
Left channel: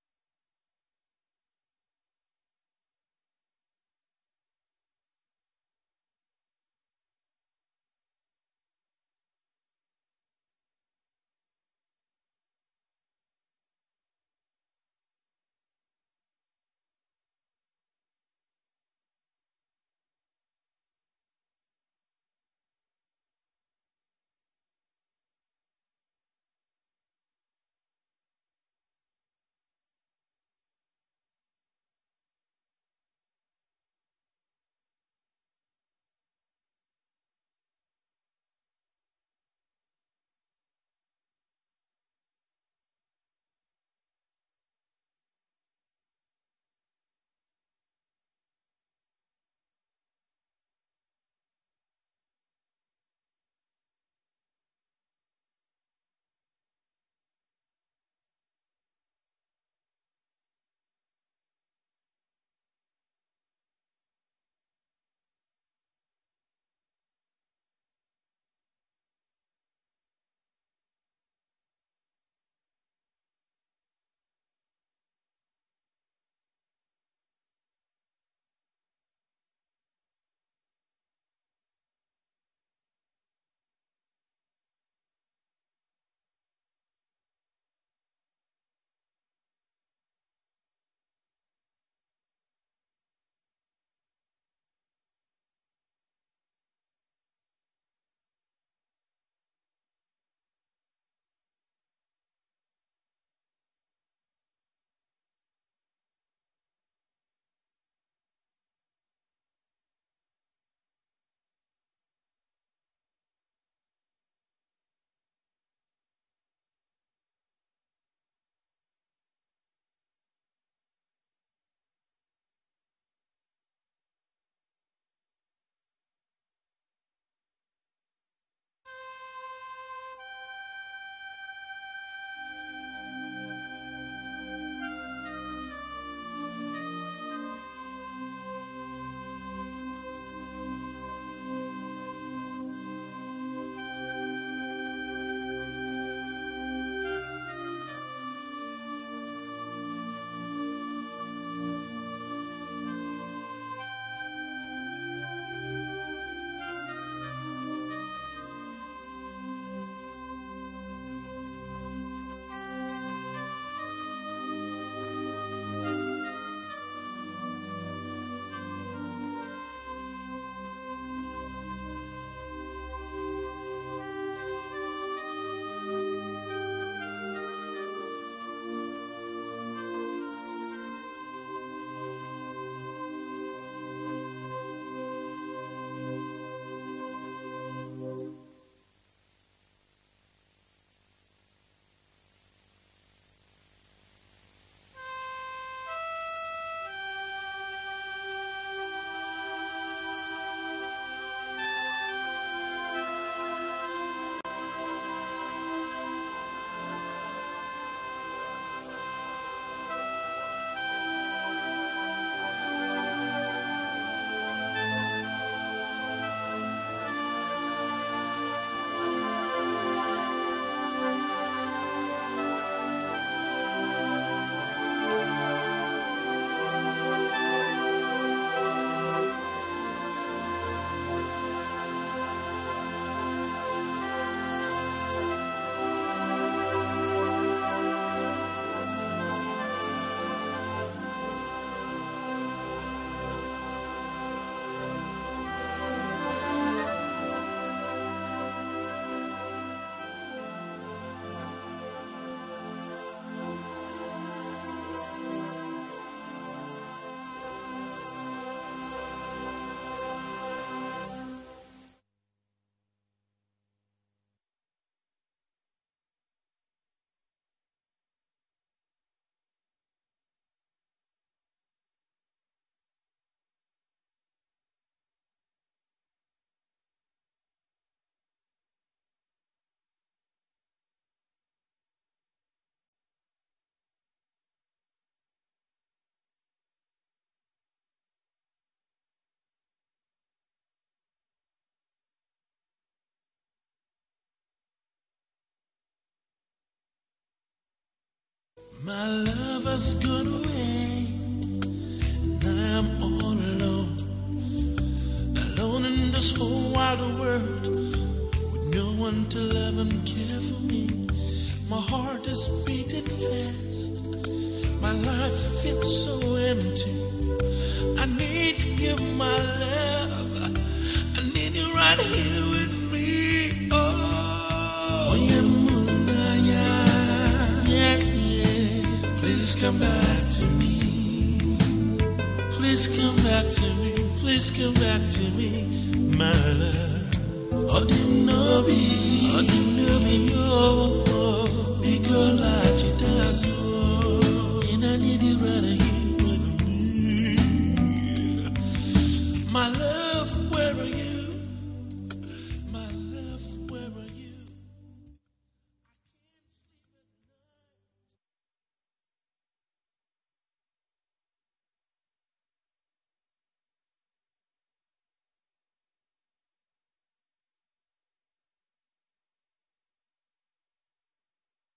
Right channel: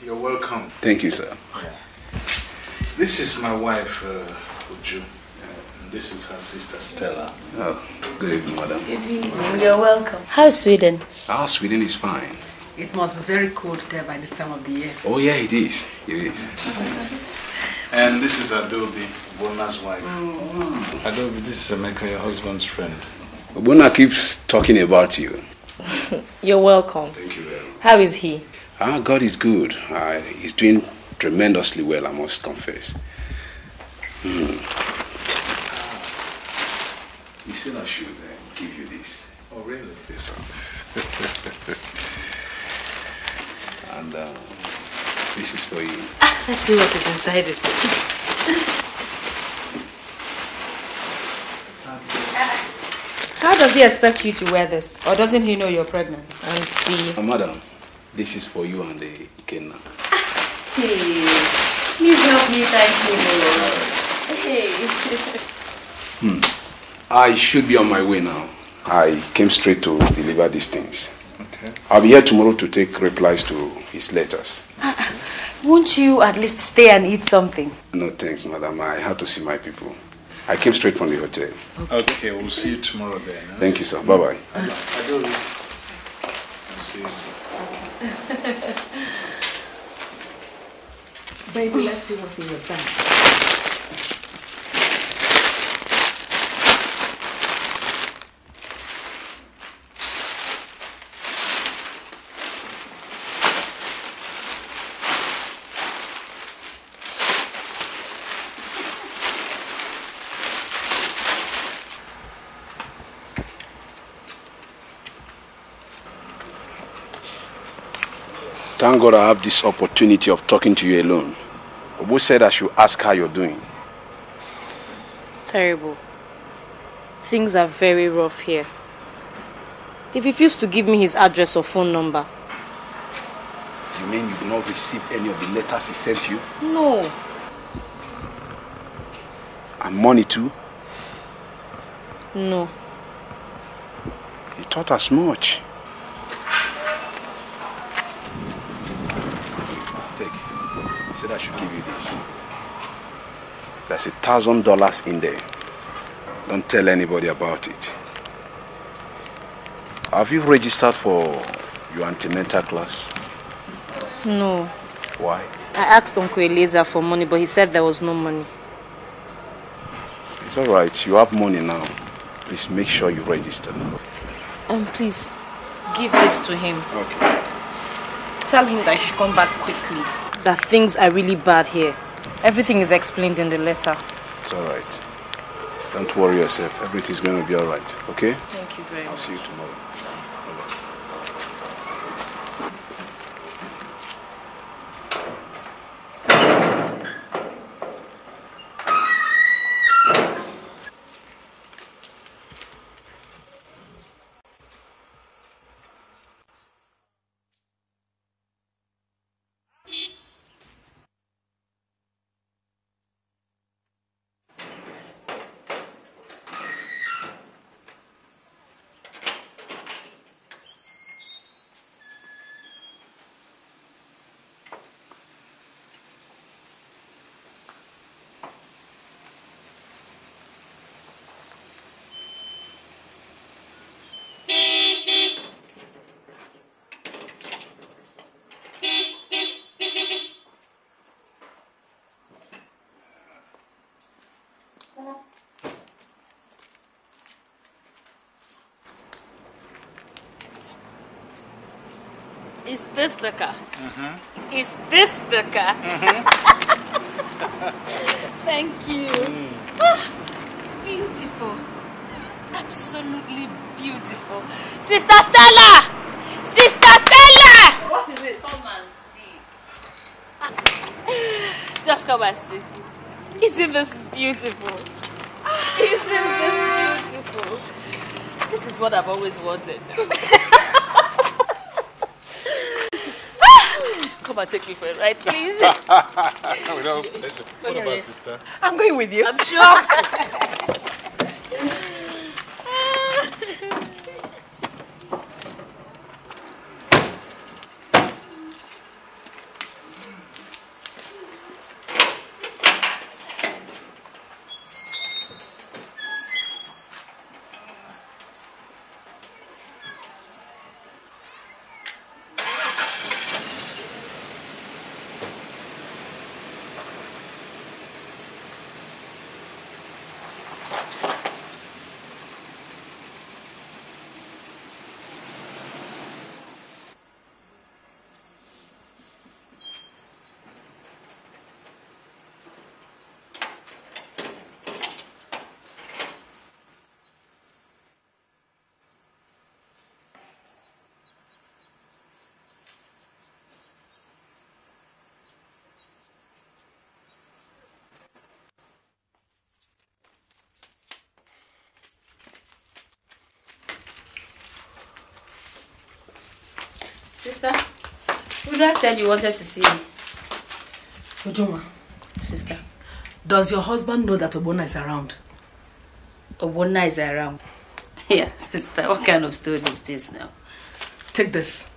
You're welcome. Thank you, sir. Yeah. This is my wife, Uche. This is her sister, Stella. Oh, good evening, madam. Good evening. You're welcome. How's Sweden? Ah, Sweden is fine. It must be very cold there by this time of the year. Oh, yeah, it is. It is. And this is Adobe, Bona's wife. Adobe, this is Emeka, your husband's friend. Bona keeps talking about you. You're welcome. Thank you very much. How is he? Ah, God is good. He's doing tremendously well, I must confess. You said I should give you this. Oh, really? This one. And this is for you. Let's see what is inside it. How does he expect you to wear this? Or doesn't he know you're pregnant? And see... Madam, this is for you and the Ikenna. Hey, please help me, thank you. Hey. I should be on my way now. I came straight to deliver these things. Okay. I'll be here tomorrow to take replies to his letters. Won't you at least stay and eat something? No thanks, madam. I had to see my people. I came straight from the hotel. Okay, we'll see you tomorrow then. Huh? Thank you, sir. Bye-bye. I'll see you. Baby, let's see what's in your bag. Thank God I have this opportunity of talking to you alone. Obo said I should ask how you're doing. Terrible. Things are very rough here. He refused to give me his address or phone number. You mean you did not receive any of the letters he sent you? No. And money too? No. He thought as much. Take. He said I should give you this. There's $1,000 in there. Don't tell anybody about it. Have you registered for your antenatal class? No. Why? I asked Uncle Eliezer for money, but he said there was no money. It's all right. You have money now. Please make sure you register. Please, give this to him. Okay. Tell him that I should come back quickly. That things are really bad here. Everything is explained in the letter. It's all right. Don't worry yourself. Everything's going to be all right. Okay? Thank you very much. I'll see you tomorrow. Is this the car? Is this the car? Thank you. Beautiful. Absolutely beautiful. Sister Stella! Sister Stella! What is it? Come and see. Just come and see. Isn't this beautiful? Isn't this beautiful? This is what I've always wanted. Come and take me for a ride, please. With all pleasure. What about sister? I'm going with you. I'm sure. My lover's gone away. I'm all alone. Alone in this whole wide world. With no one to love and care for me. My heart is beating fast. My life feels so empty. I need you, my love. I need you right here with me. Oh, yeah. Please come back to me. Please come back to me. Please come back to me, my love. Oh, didn't know me. Oh, didn't know me. Oh, because I does. I need you right here with me. My love, where are you? My love, where are you? Sister, Uda said you wanted to see me. Ujoma, Sister, does your husband know that Obona is around? Obona is around. Yeah, sister, what kind of story is this now? Take this.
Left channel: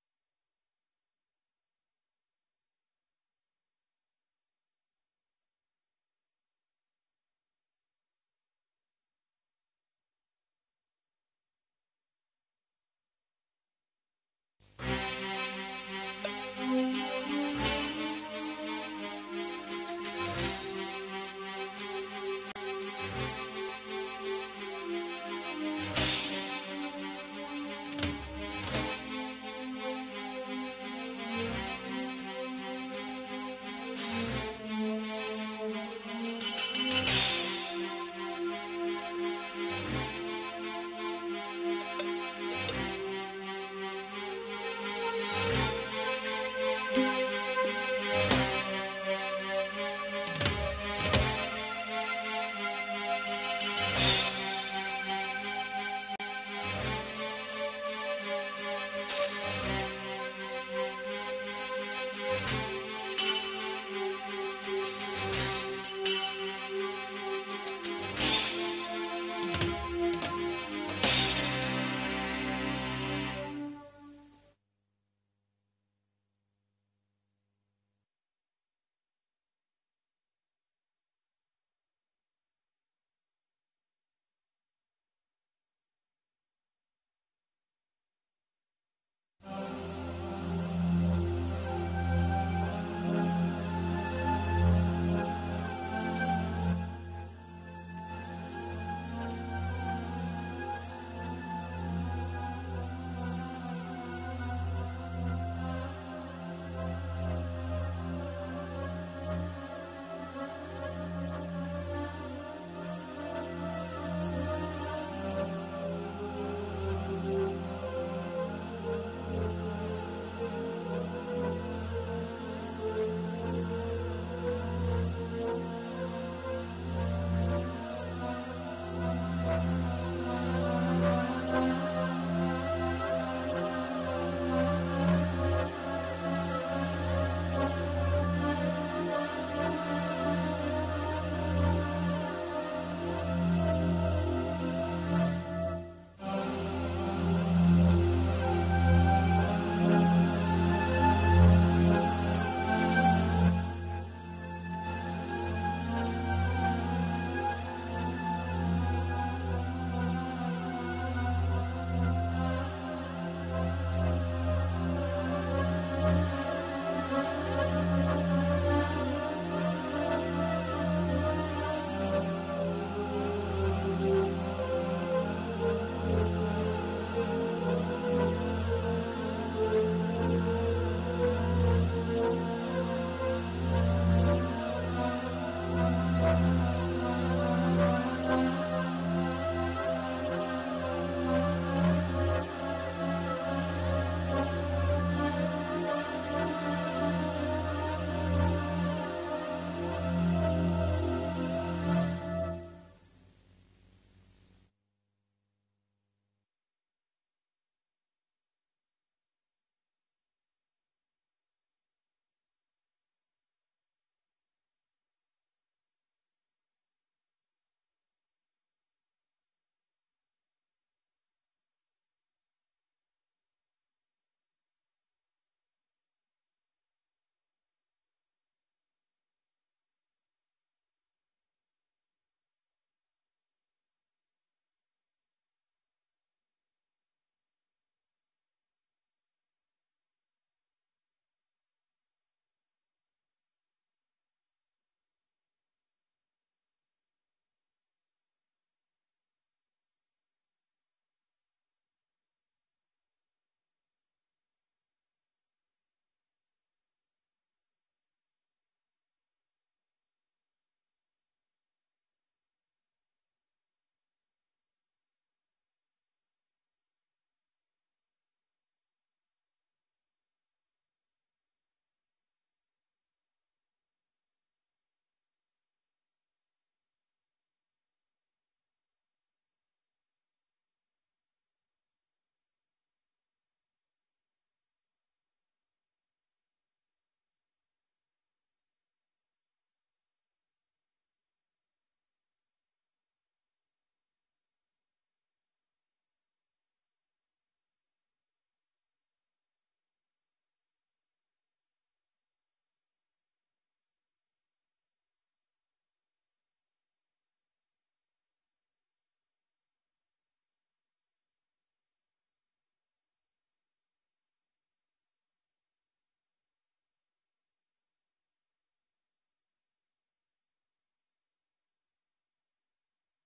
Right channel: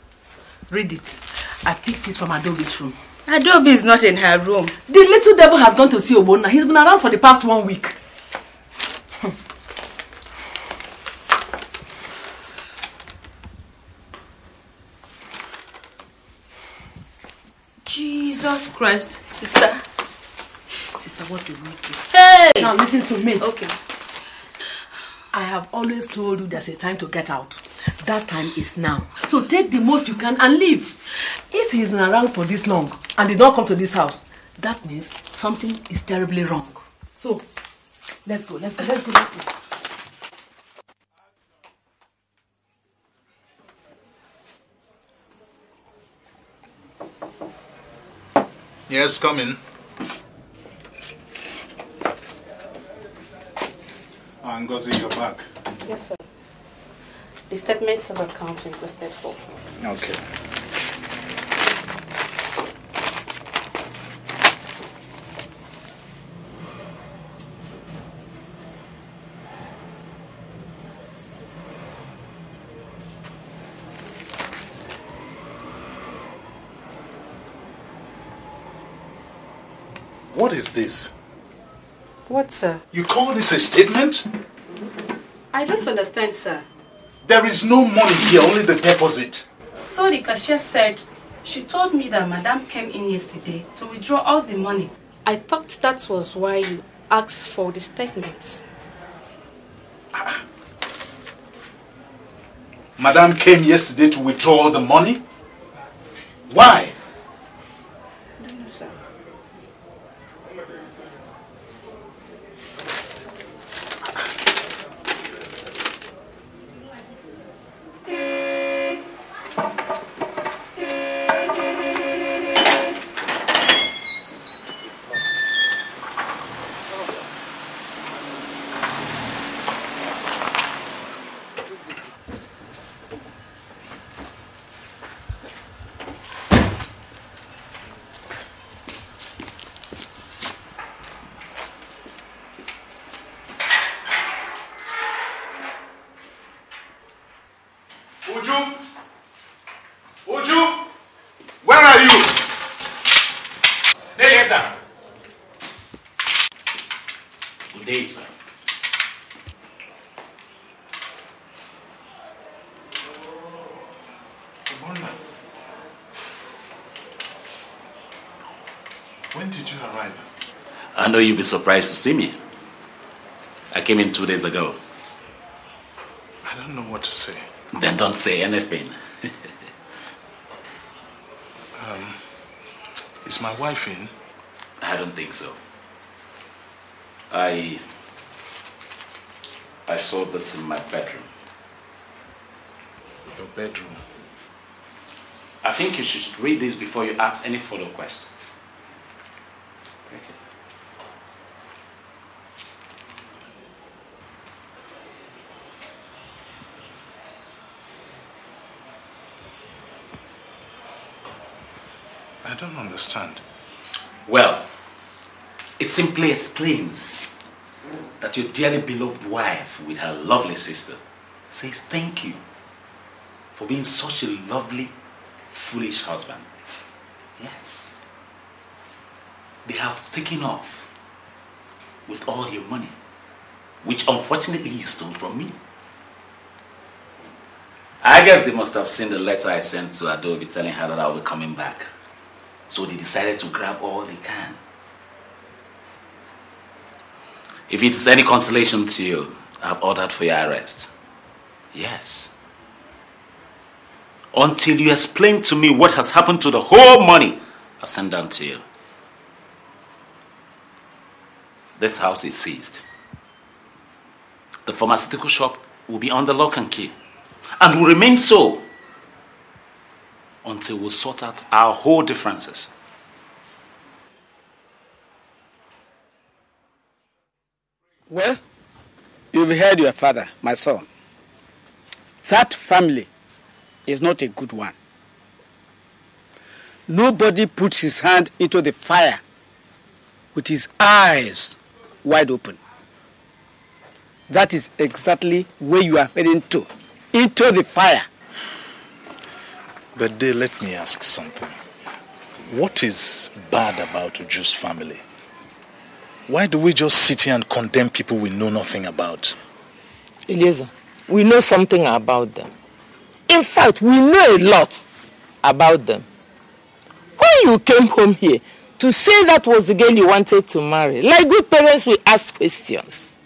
Read it. I picked it from Adobe's room. Adobe is not in her room. The little devil has gone to see Obonna. He's been around for the past 1 week. Jesus Christ, sister. Sister, what do you want to do? Hey! Now listen to me. Okay. I have always told you there's a time to get out. That time is now. So take the most you can and leave. If he's been around for this long and did not come to this house, that means something is terribly wrong. So, let's go. Yes, come in. Ngozi, you're back. Yes, sir. The statements of account requested for. Okay. What is this? What, sir? You call this a statement? I don't understand, sir. There is no money here, only the deposit. So the cashier said, she told me that Madam came in yesterday to withdraw all the money. I thought that was why you asked for the statements. Madam came yesterday to withdraw all the money? Why? I know you'll be surprised to see me. I came in 2 days ago. I don't know what to say. Then don't say anything. Is my wife in? I don't think so. I saw this in my bedroom. Your bedroom? I think you should read this before you ask any follow-up question. I don't understand. Well, it simply explains that your dearly beloved wife with her lovely sister says thank you for being such a lovely, foolish husband. Yes. They have taken off with all your money, which unfortunately you stole from me. I guess they must have seen the letter I sent to Adobe telling her that I'll be coming back. So they decided to grab all they can. If it's any consolation to you, I've ordered for your arrest. Yes. Until you explain to me what has happened to the whole money I sent down to you. This house is seized. The pharmaceutical shop will be under lock and key, and will remain so until we sort out our whole differences. Well, you've heard your father, my son. That family is not a good one. Nobody puts his hand into the fire with his eyes wide open. That is exactly where you are heading to. Into the fire. But let me ask something. What is bad about Uju's family? Why do we just sit here and condemn people we know nothing about? Eliezer, we know something about them. In fact, we know a lot about them. When you came home here to say that was the girl you wanted to marry, like good parents, we ask questions.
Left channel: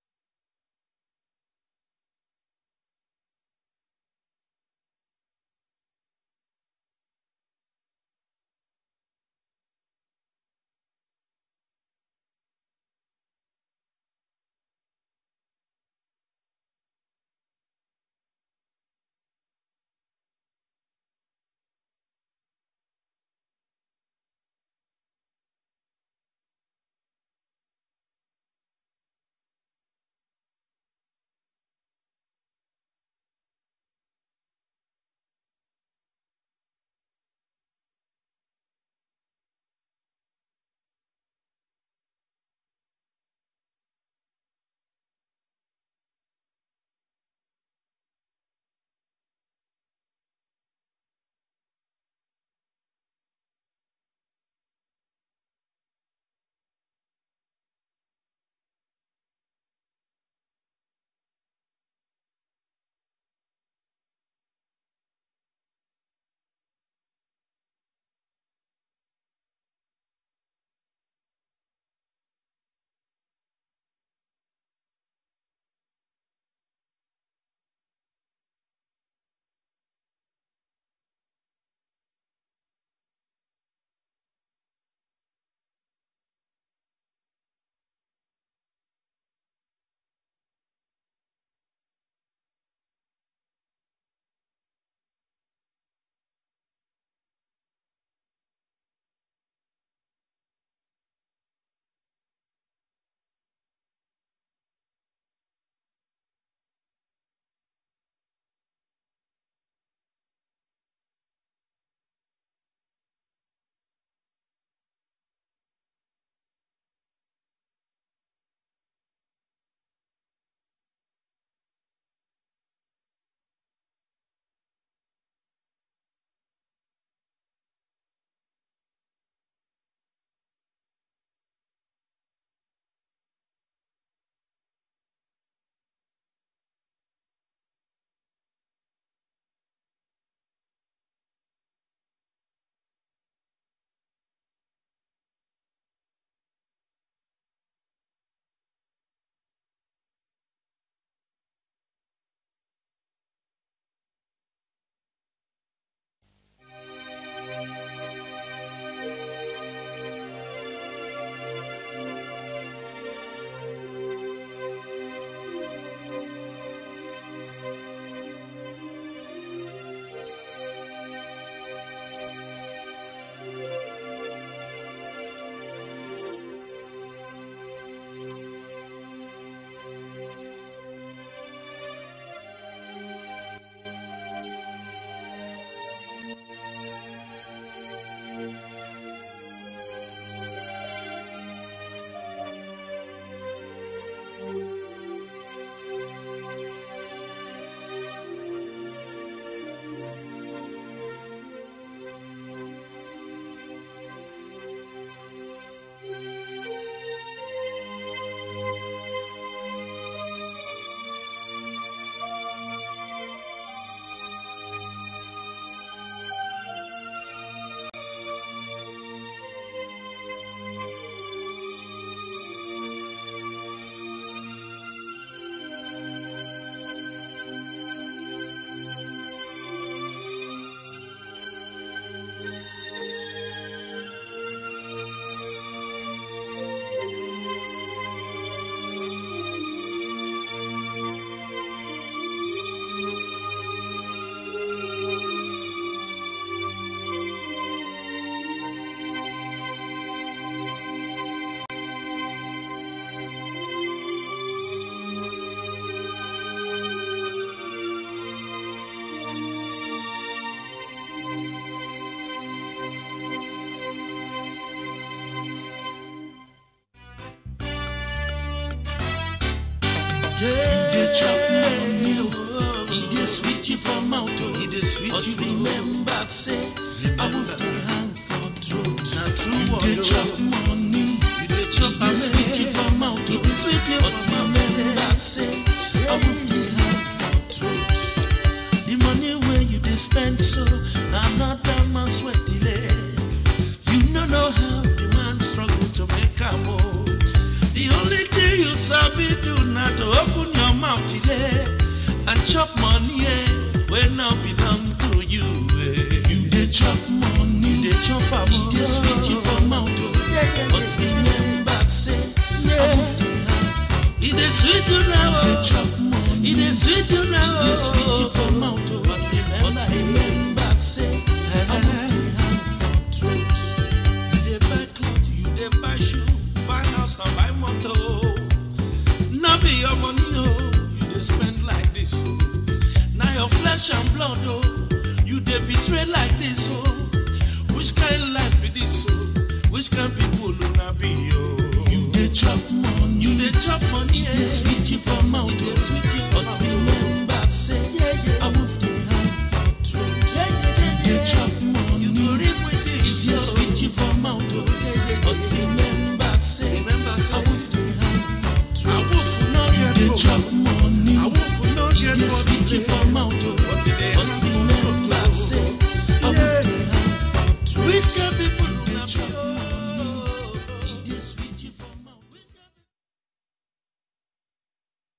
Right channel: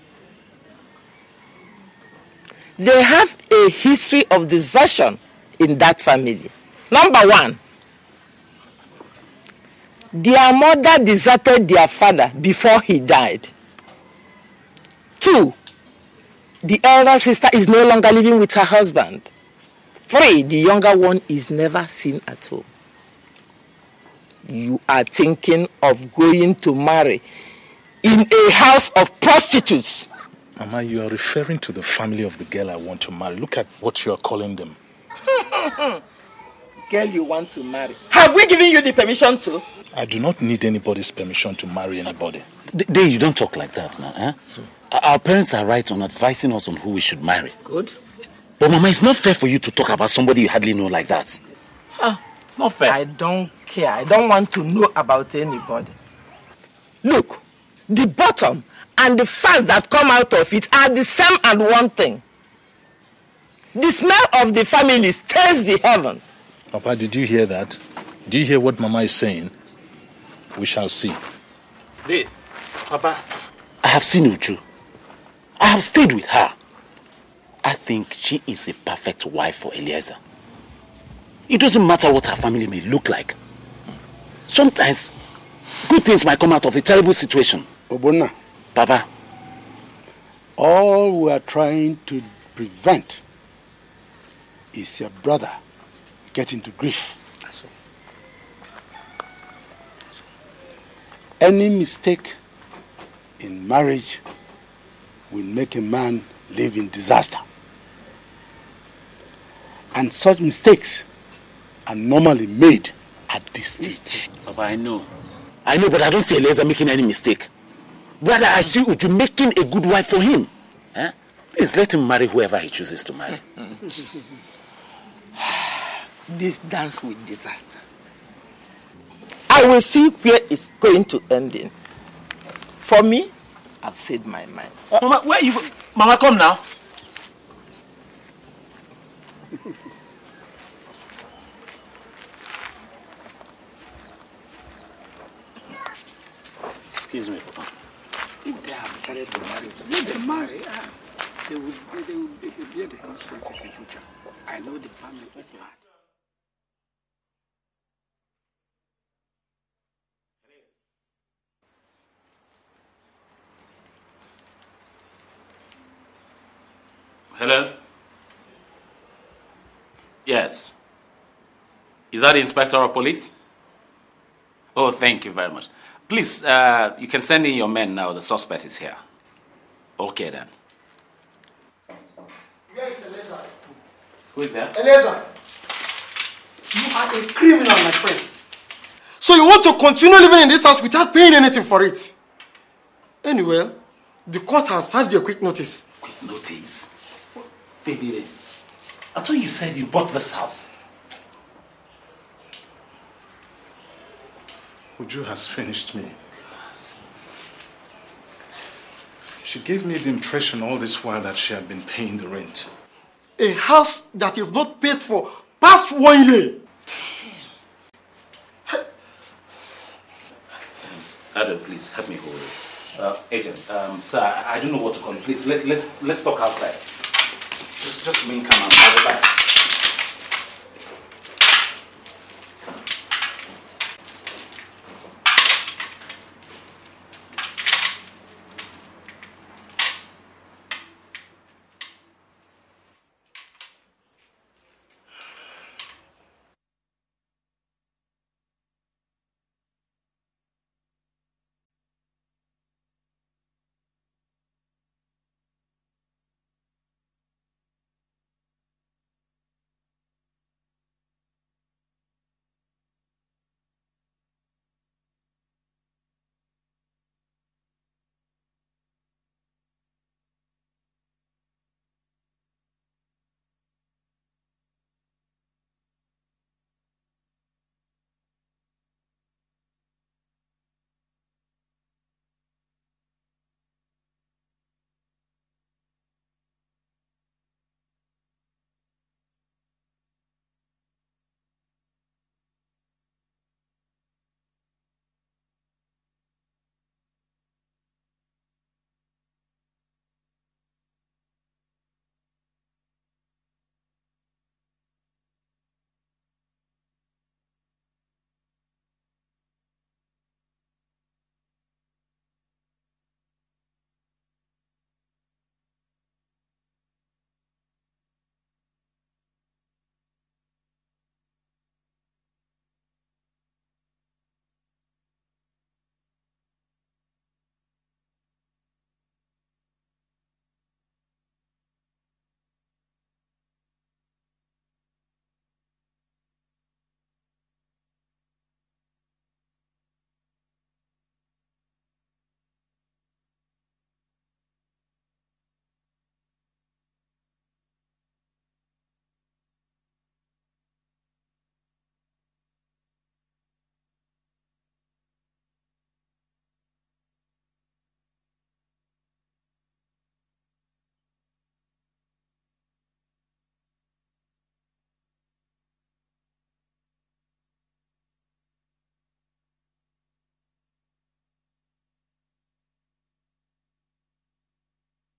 They have a history of desertion in that family. Number one, their mother deserted their father before he died. 2, the elder sister is no longer living with her husband. 3, the younger one is never seen at home. You are thinking of going to marry in a house of prostitutes. Mama, you are referring to the family of the girl I want to marry. Look at what you are calling them. Girl you want to marry. Have we given you the permission to? I do not need anybody's permission to marry anybody. You don't talk like that now, eh? Our parents are right on advising us on who we should marry. Good. But Mama, it's not fair for you to talk about somebody you hardly know like that. It's not fair. I don't care. I don't want to know about anybody. Look, the bottom and the fat that come out of it are the same and one thing. The smell of the family stirs the heavens. Papa, did you hear that? Do you hear what Mama is saying? We shall see. Papa, I have seen Uchu. I have stayed with her. I think she is a perfect wife for Eliezer. It doesn't matter what her family may look like. Sometimes, good things might come out of a terrible situation. Obonna. Papa. All we are trying to prevent is your brother getting to grief. Any mistake in marriage will make a man live in disaster. And such mistakes are normally made at this stage. Papa, I know, but I don't see Eliezer making any mistake. Brother, I see Uju making a good wife for him. Eh? Please let him marry whoever he chooses to marry. This dance with disaster. I will see where it's going to end in. For me, I've said my mind. Mama, where are you? Mama, come now. Excuse me, Papa. If they have decided to marry, let them marry. They will bear the consequences in future. I know the family is bad. Hello? Yes. Is that the Inspector of Police? Oh, thank you very much. Please, you can send in your men now. The suspect is here. Okay, then. Yes, Eliezer. Who is there? Eliezer, you are a criminal, my friend. So you want to continue living in this house without paying anything for it? Anyway, the court has served you a quick notice. Quick notice? Baby, I thought you said you bought this house. Uju has finished me. She gave me the impression all this while that she had been paying the rent. A house that you've not paid for past 1 year. Adam, please help me hold this. Agent, sir, I don't know what to call you. Please, let's talk outside. Just remain calm. I'll be back. Yeah. chop money, he dey sweet you for mouth, he dey sweet you. But remember, say, I will hang for throat. Now true, you dey chop money, you dey chop, he dey sweet you for mouth, he dey sweet you. But remember, say, I will hang for throat. The money where you dey spend so, now not that man sweat delay. You don't know how the man struggle to make a move. The only thing you sabi do not to open your mouth today and chop money when now belong to you. You dey chop money, you dey chop a money, dey sweet you for mouth. But remember, say, it dey sweet you now. You dey chop money, it dey sweet you now. It dey sweet you for mouth. But remember, say, I will hang for truth. You dey buy clothes, you dey buy shoes, buy house and buy motor. Now be your money, oh, you dey spend like this, oh. Now your flesh and blood, oh, you dey betray like this, oh. Which kind of life be this, oh? Which kind of people will not be, oh? You dey chop money, you dey chop money, they sweet you for mouth, they sweet